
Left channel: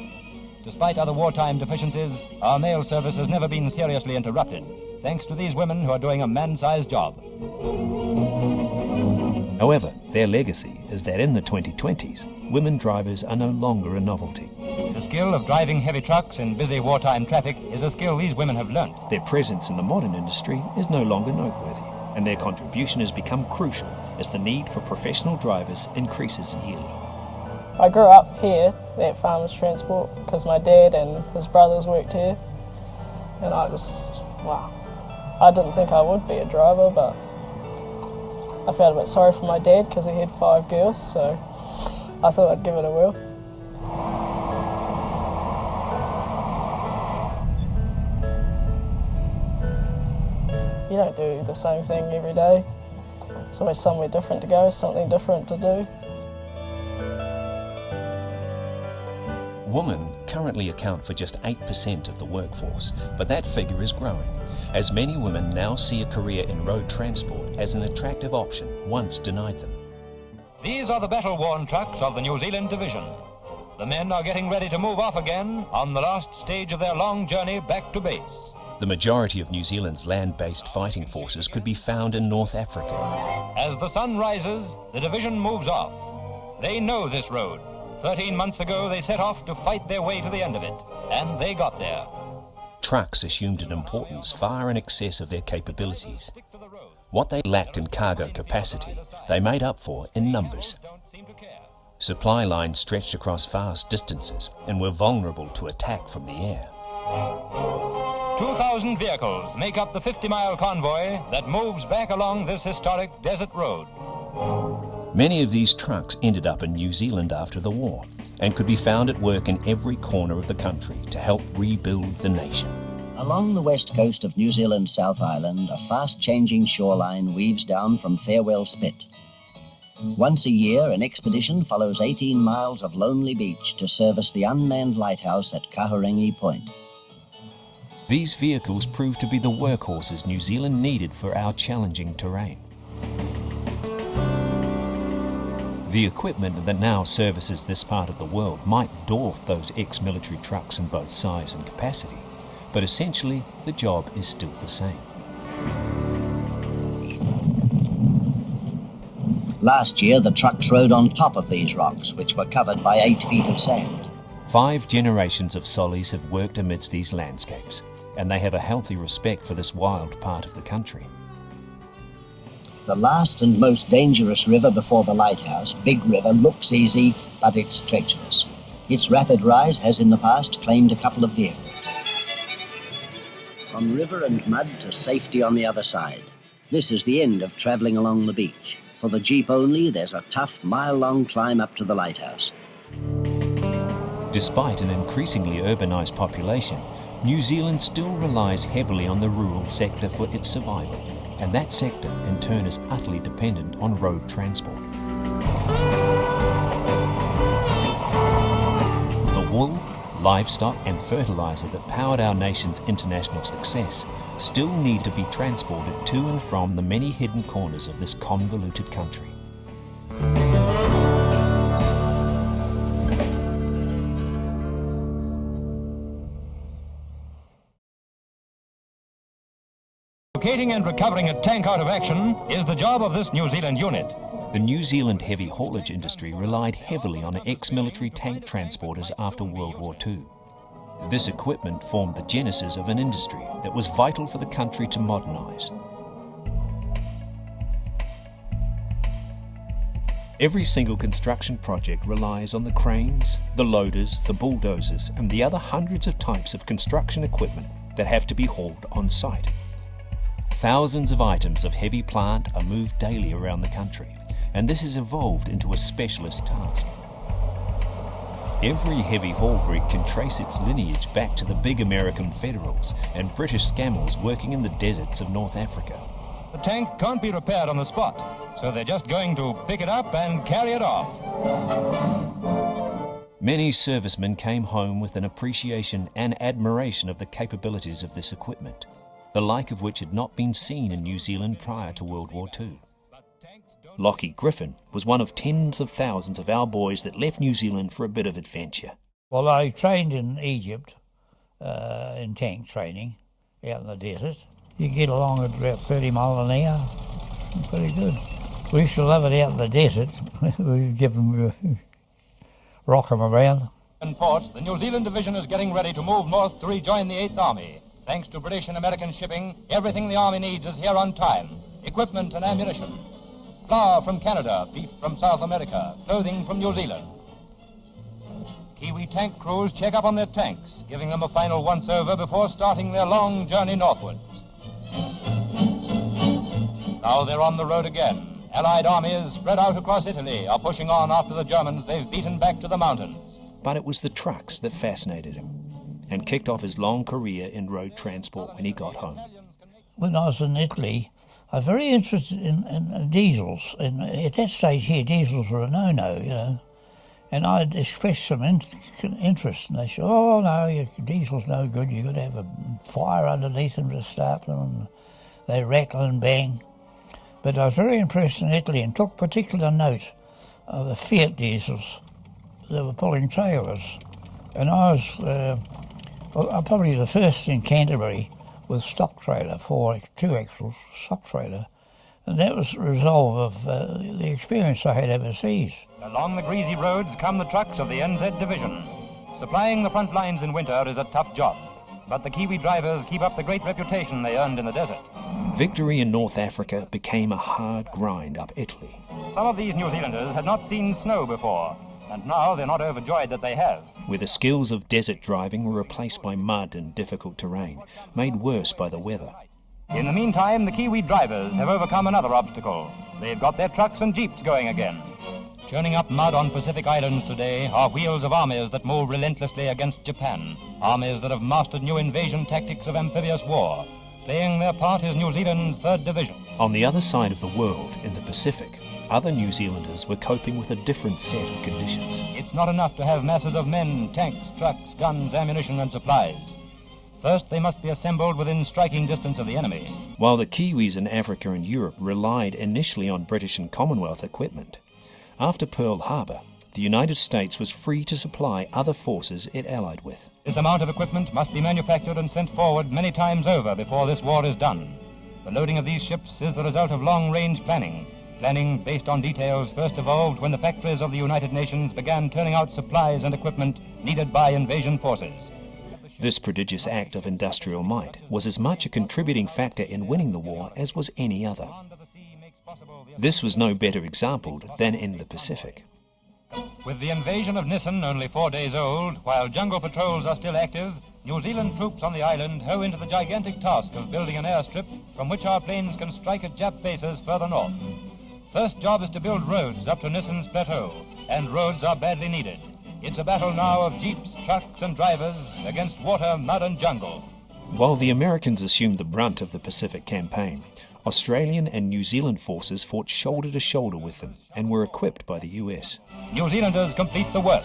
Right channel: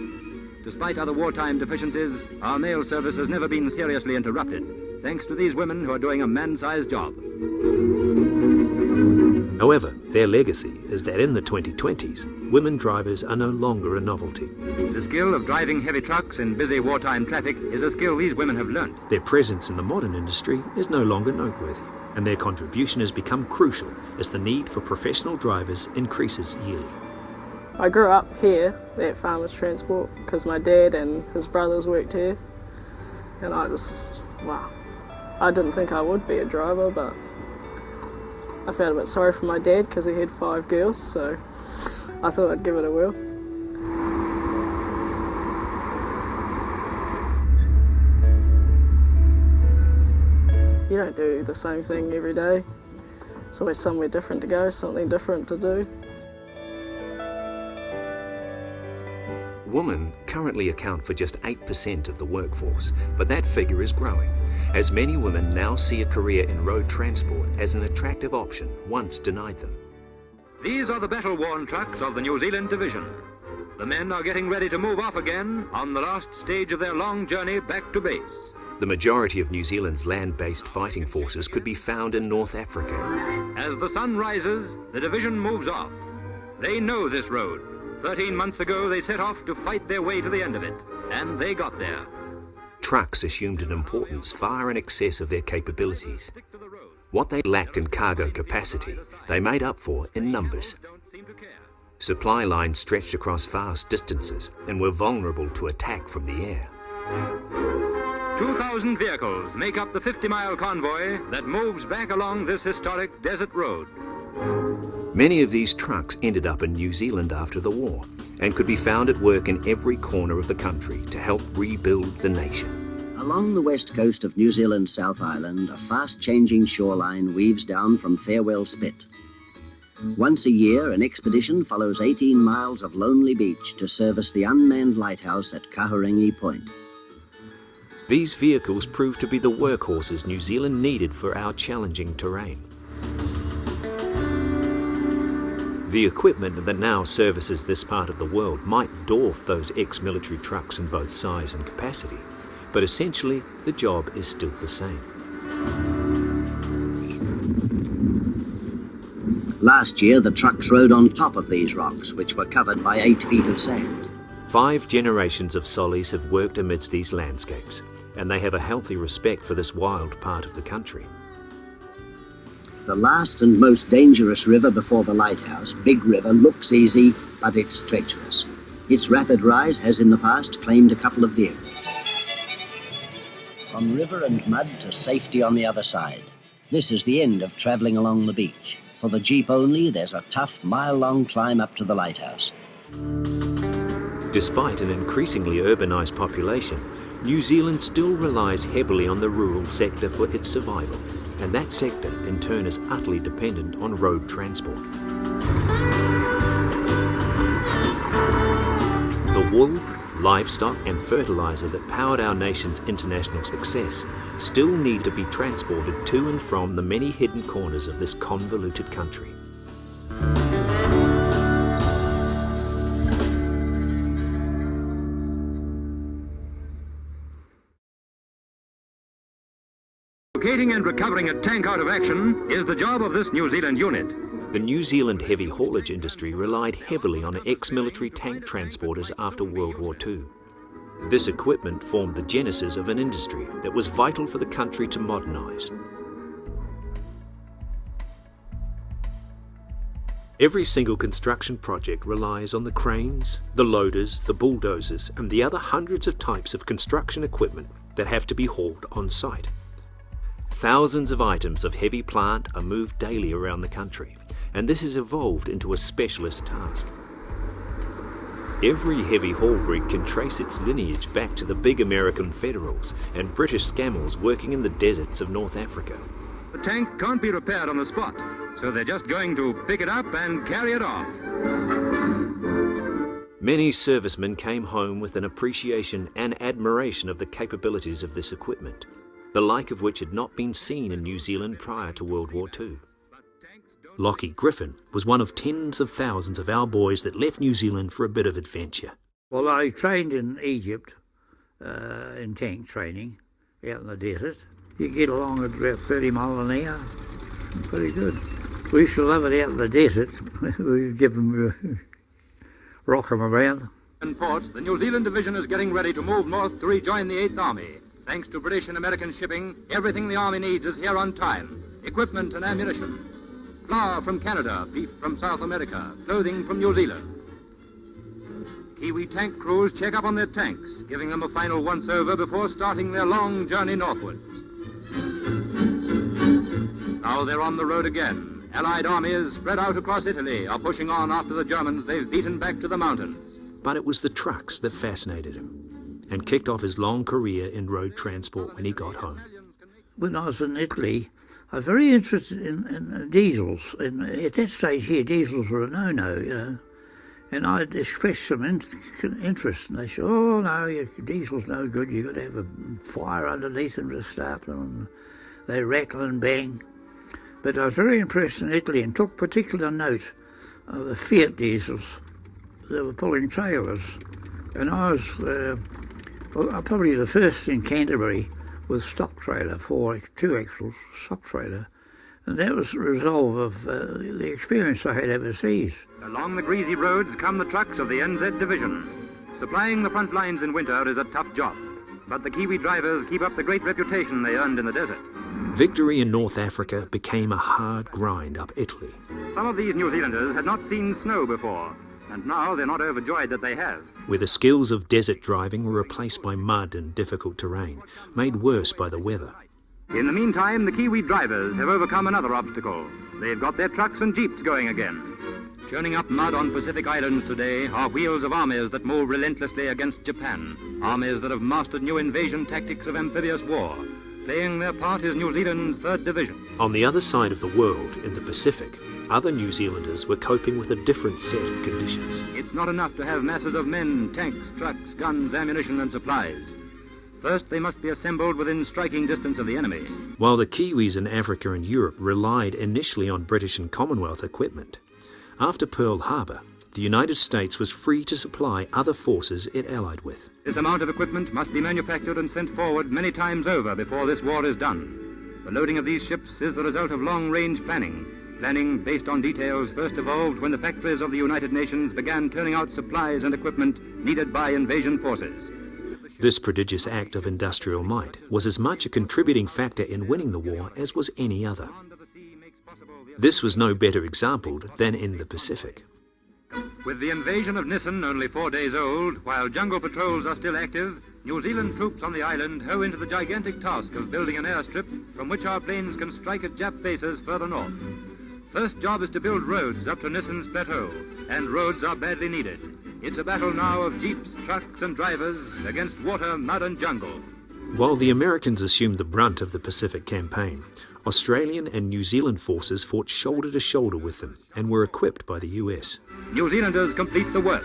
Despite other wartime deficiencies, our mail service has never been seriously interrupted, thanks to these women who are doing a man-sized job. However, their legacy is that in the 2020s, women drivers are no longer a novelty. The skill of driving heavy trucks in busy wartime traffic is a skill these women have learnt. Their presence in the modern industry is no longer noteworthy, and their contribution has become crucial as the need for professional drivers increases yearly. I grew up here at Farmers Transport because my dad and his brothers worked here, and I didn't think I would be a driver, but I felt a bit sorry for my dad because he had 5 girls, so I thought I'd give it a whirl. You don't do the same thing every day. There's always somewhere different to go, something different to do. Women currently account for just 8% of the workforce, but that figure is growing, as many women now see a career in road transport as an attractive option once denied them. These are the battle-worn trucks of the New Zealand Division. The men are getting ready to move off again on the last stage of their long journey back to base. The majority of New Zealand's land-based fighting forces could be found in North Africa. As the sun rises, the division moves off. They know this road. 13 months ago, they set off to fight their way to the end of it, and they got there. Trucks assumed an importance far in excess of their capabilities. What they lacked in cargo capacity, they made up for in numbers. Supply lines stretched across vast distances and were vulnerable to attack from the air. 2,000 vehicles make up the 50-mile convoy that moves back along this historic desert road. Many of these trucks ended up in New Zealand after the war and could be found at work in every corner of the country to help rebuild the nation. Along the west coast of New Zealand's South Island, a fast-changing shoreline weaves down from Farewell Spit. Once a year, an expedition follows 18 miles of lonely beach to service the unmanned lighthouse at Kahurangi Point. These vehicles proved to be the workhorses New Zealand needed for our challenging terrain. The equipment that now services this part of the world might dwarf those ex-military trucks in both size and capacity, but essentially the job is still the same. Last year, the trucks rode on top of these rocks, which were covered by 8 feet of sand. 5 generations of Sollies have worked amidst these landscapes, and they have a healthy respect for this wild part of the country. The last and most dangerous river before the lighthouse, Big River, looks easy, but it's treacherous. Its rapid rise has in the past claimed a couple of vehicles. From river and mud to safety on the other side. This is the end of travelling along the beach. For the jeep only, there's a tough mile-long climb up to the lighthouse. Despite an increasingly urbanised population, New Zealand still relies heavily on the rural sector for its survival, and that sector in turn is utterly dependent on road transport. The wool, livestock and fertiliser that powered our nation's international success still need to be transported to and from the many hidden corners of this convoluted country. Locating and recovering a tank out of action is the job of this New Zealand unit. The New Zealand heavy haulage industry relied heavily on ex-military tank transporters after World War II. This equipment formed the genesis of an industry that was vital for the country to modernise. Every single construction project relies on the cranes, the loaders, the bulldozers, and the other hundreds of types of construction equipment that have to be hauled on site. Thousands of items of heavy plant are moved daily around the country, and this has evolved into a specialist task. Every heavy haul rig can trace its lineage back to the big American Federals and British Scammels working in the deserts of North Africa. The tank can't be repaired on the spot, so they're just going to pick it up and carry it off. Many servicemen came home with an appreciation and admiration of the capabilities of this equipment, the like of which had not been seen in New Zealand prior to World War II. Lockie Griffin was one of tens of thousands of our boys that left New Zealand for a bit of adventure. Well, I trained in Egypt, in tank training, out in the desert. You get along at about 30 mile an hour. Pretty good. We used to love it out in the desert. We'd give them, rock them around. In port, the New Zealand division is getting ready to move north to rejoin the 8th Army. Thanks to British and American shipping, everything the Army needs is here on time. Equipment and ammunition. Flour from Canada, beef from South America, clothing from New Zealand. Kiwi tank crews check up on their tanks, giving them a final once-over before starting their long journey northwards. Now they're on the road again. Allied armies spread out across Italy are pushing on after the Germans they've beaten back to the mountains. But it was the trucks that fascinated him and kicked off his long career in road transport when he got home. When I was in Italy, I was very interested in diesels. And at that stage here, diesels were a no-no, you know. And I'd expressed some interest, and they said, oh, no, your diesel's no good. You've got to have a fire underneath them to start them, and they rattle and bang. But I was very impressed in Italy and took particular note of the Fiat diesels. They were pulling trailers. And I was probably the first in Canterbury with stock trailer, 2 axles, stock trailer. And that was the result of the experience I had overseas. Along the greasy roads come the trucks of the NZ Division. Supplying the front lines in winter is a tough job, but the Kiwi drivers keep up the great reputation they earned in the desert. Victory in North Africa became a hard grind up Italy. Some of these New Zealanders had not seen snow before, and now they're not overjoyed that they have. Where the skills of desert driving were replaced by mud and difficult terrain, made worse by the weather. In the meantime, the Kiwi drivers have overcome another obstacle. They've got their trucks and jeeps going again. Churning up mud on Pacific Islands today are wheels of armies that move relentlessly against Japan, armies that have mastered new invasion tactics of amphibious war. Playing their part is New Zealand's 3rd Division. On the other side of the world, in the Pacific, other New Zealanders were coping with a different set of conditions. It's not enough to have masses of men, tanks, trucks, guns, ammunition and supplies. First, they must be assembled within striking distance of the enemy. While the Kiwis in Africa and Europe relied initially on British and Commonwealth equipment, after Pearl Harbor, the United States was free to supply other forces it allied with. This amount of equipment must be manufactured and sent forward many times over before this war is done. The loading of these ships is the result of long-range planning. Planning based on details first evolved when the factories of the United Nations began turning out supplies and equipment needed by invasion forces. This prodigious act of industrial might was as much a contributing factor in winning the war as was any other. This was no better exampled than in the Pacific. With the invasion of Nissen only 4 days old, while jungle patrols are still active, New Zealand troops on the island hoe into the gigantic task of building an airstrip from which our planes can strike at Jap bases further north. First job is to build roads up to Nissen's plateau, and roads are badly needed. It's a battle now of jeeps, trucks and drivers against water, mud and jungle. While the Americans assumed the brunt of the Pacific campaign, Australian and New Zealand forces fought shoulder to shoulder with them and were equipped by the US. New Zealanders complete the work.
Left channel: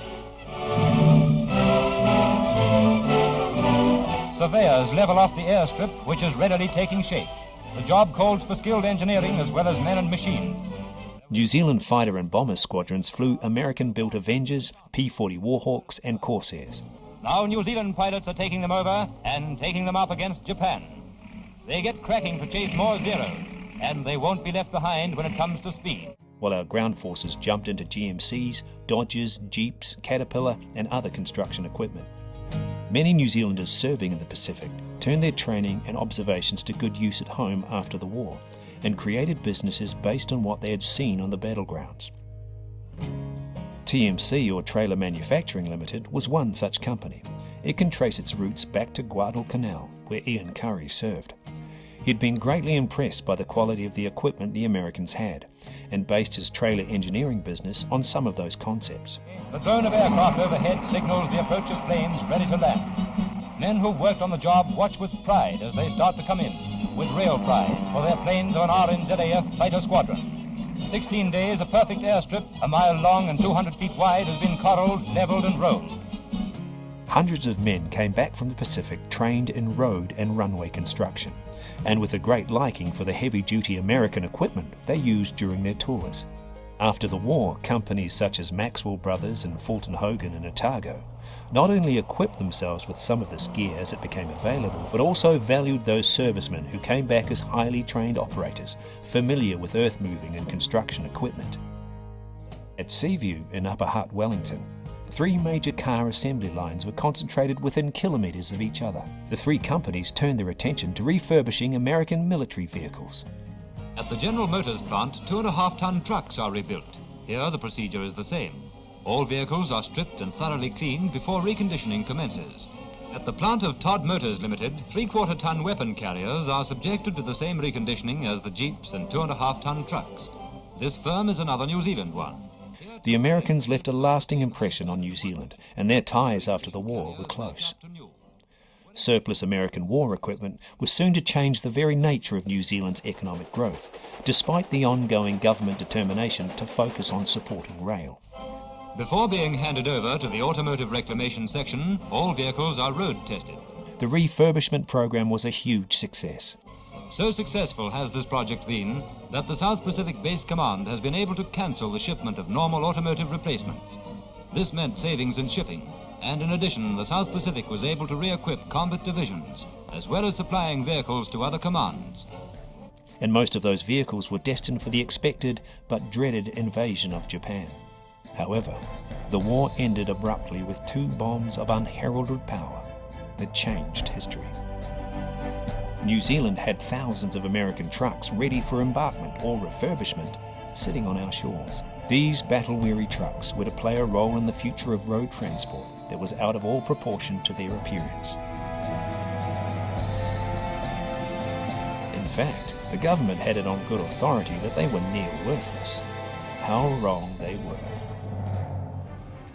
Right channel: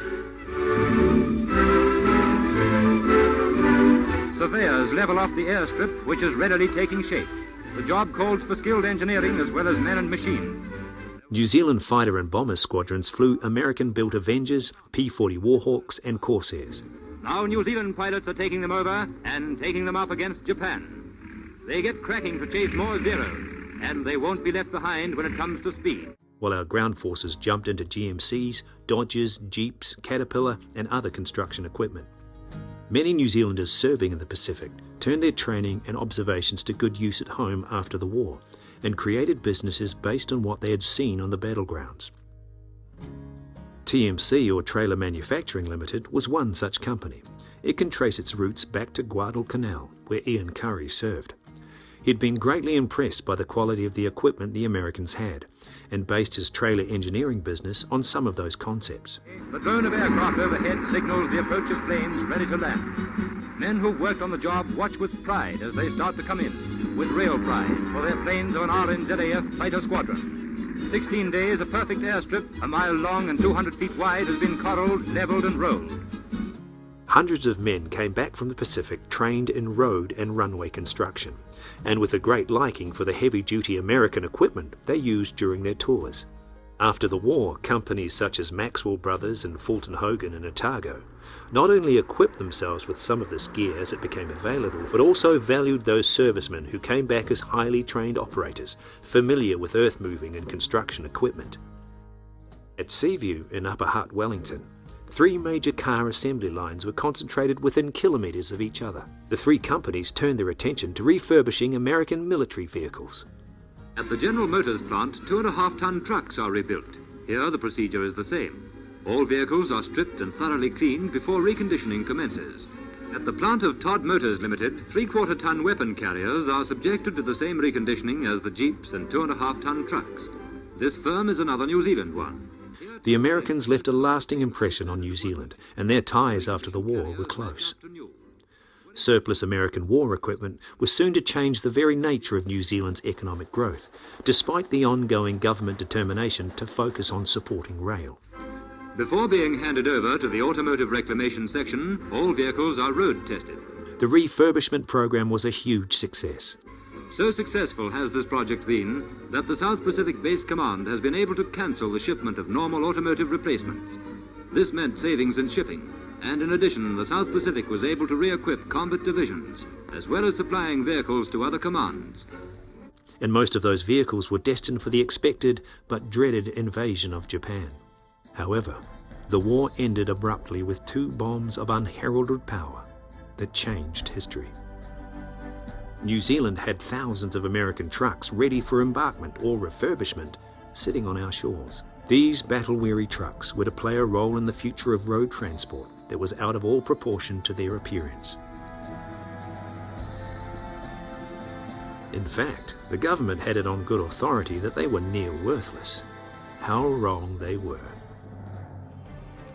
Surveyors level off the airstrip, which is readily taking shape. The job calls for skilled engineering as well as men and machines. New Zealand fighter and bomber squadrons flew American-built Avengers, P-40 Warhawks and Corsairs. Now New Zealand pilots are taking them over and taking them up against Japan. They get cracking to chase more zeros, and they won't be left behind when it comes to speed. While our ground forces jumped into GMCs, Dodges, Jeeps, Caterpillar and other construction equipment. Many New Zealanders serving in the Pacific turned their training and observations to good use at home after the war and created businesses based on what they had seen on the battlegrounds. TMC, or Trailer Manufacturing Limited, was one such company. It can trace its roots back to Guadalcanal, where Ian Curry served. He'd been greatly impressed by the quality of the equipment the Americans had, and based his trailer engineering business on some of those concepts. The drone of aircraft overhead signals the approach of planes ready to land. Men who've worked on the job watch with pride as they start to come in, with real pride, for their planes are an RNZAF fighter squadron. 16 days, a perfect airstrip, a mile long and 200 feet wide, has been corralled, leveled and rolled. Hundreds of men came back from the Pacific trained in road and runway construction, and with a great liking for the heavy-duty American equipment they used during their tours. After the war, companies such as Maxwell Brothers and Fulton Hogan and Otago not only equipped themselves with some of this gear as it became available, but also valued those servicemen who came back as highly trained operators, familiar with earth-moving and construction equipment. At Seaview in Upper Hutt, Wellington, 3 major car assembly lines were concentrated within kilometres of each other. The 3 companies turned their attention to refurbishing American military vehicles. At the General Motors plant, 2.5-ton trucks are rebuilt. Here the procedure is the same. All vehicles are stripped and thoroughly cleaned before reconditioning commences. At the plant of Todd Motors Limited, 3/4-ton weapon carriers are subjected to the same reconditioning as the Jeeps and 2.5-ton trucks. This firm is another New Zealand one. The Americans left a lasting impression on New Zealand, and their ties after the war were close. Surplus American war equipment was soon to change the very nature of New Zealand's economic growth, despite the ongoing government determination to focus on supporting rail. Before being handed over to the Automotive Reclamation Section, all vehicles are road tested. The refurbishment program was a huge success. So successful has this project been that the South Pacific Base Command has been able to cancel the shipment of normal automotive replacements. This meant savings in shipping, and in addition, the South Pacific was able to re-equip combat divisions, as well as supplying vehicles to other commands. And most of those vehicles were destined for the expected but dreaded invasion of Japan. However, the war ended abruptly with 2 bombs of unheralded power that changed history. New Zealand had thousands of American trucks ready for embarkment or refurbishment sitting on our shores. These battle-weary trucks were to play a role in the future of road transport that was out of all proportion to their appearance. In fact, the government had it on good authority that they were near worthless. How wrong they were.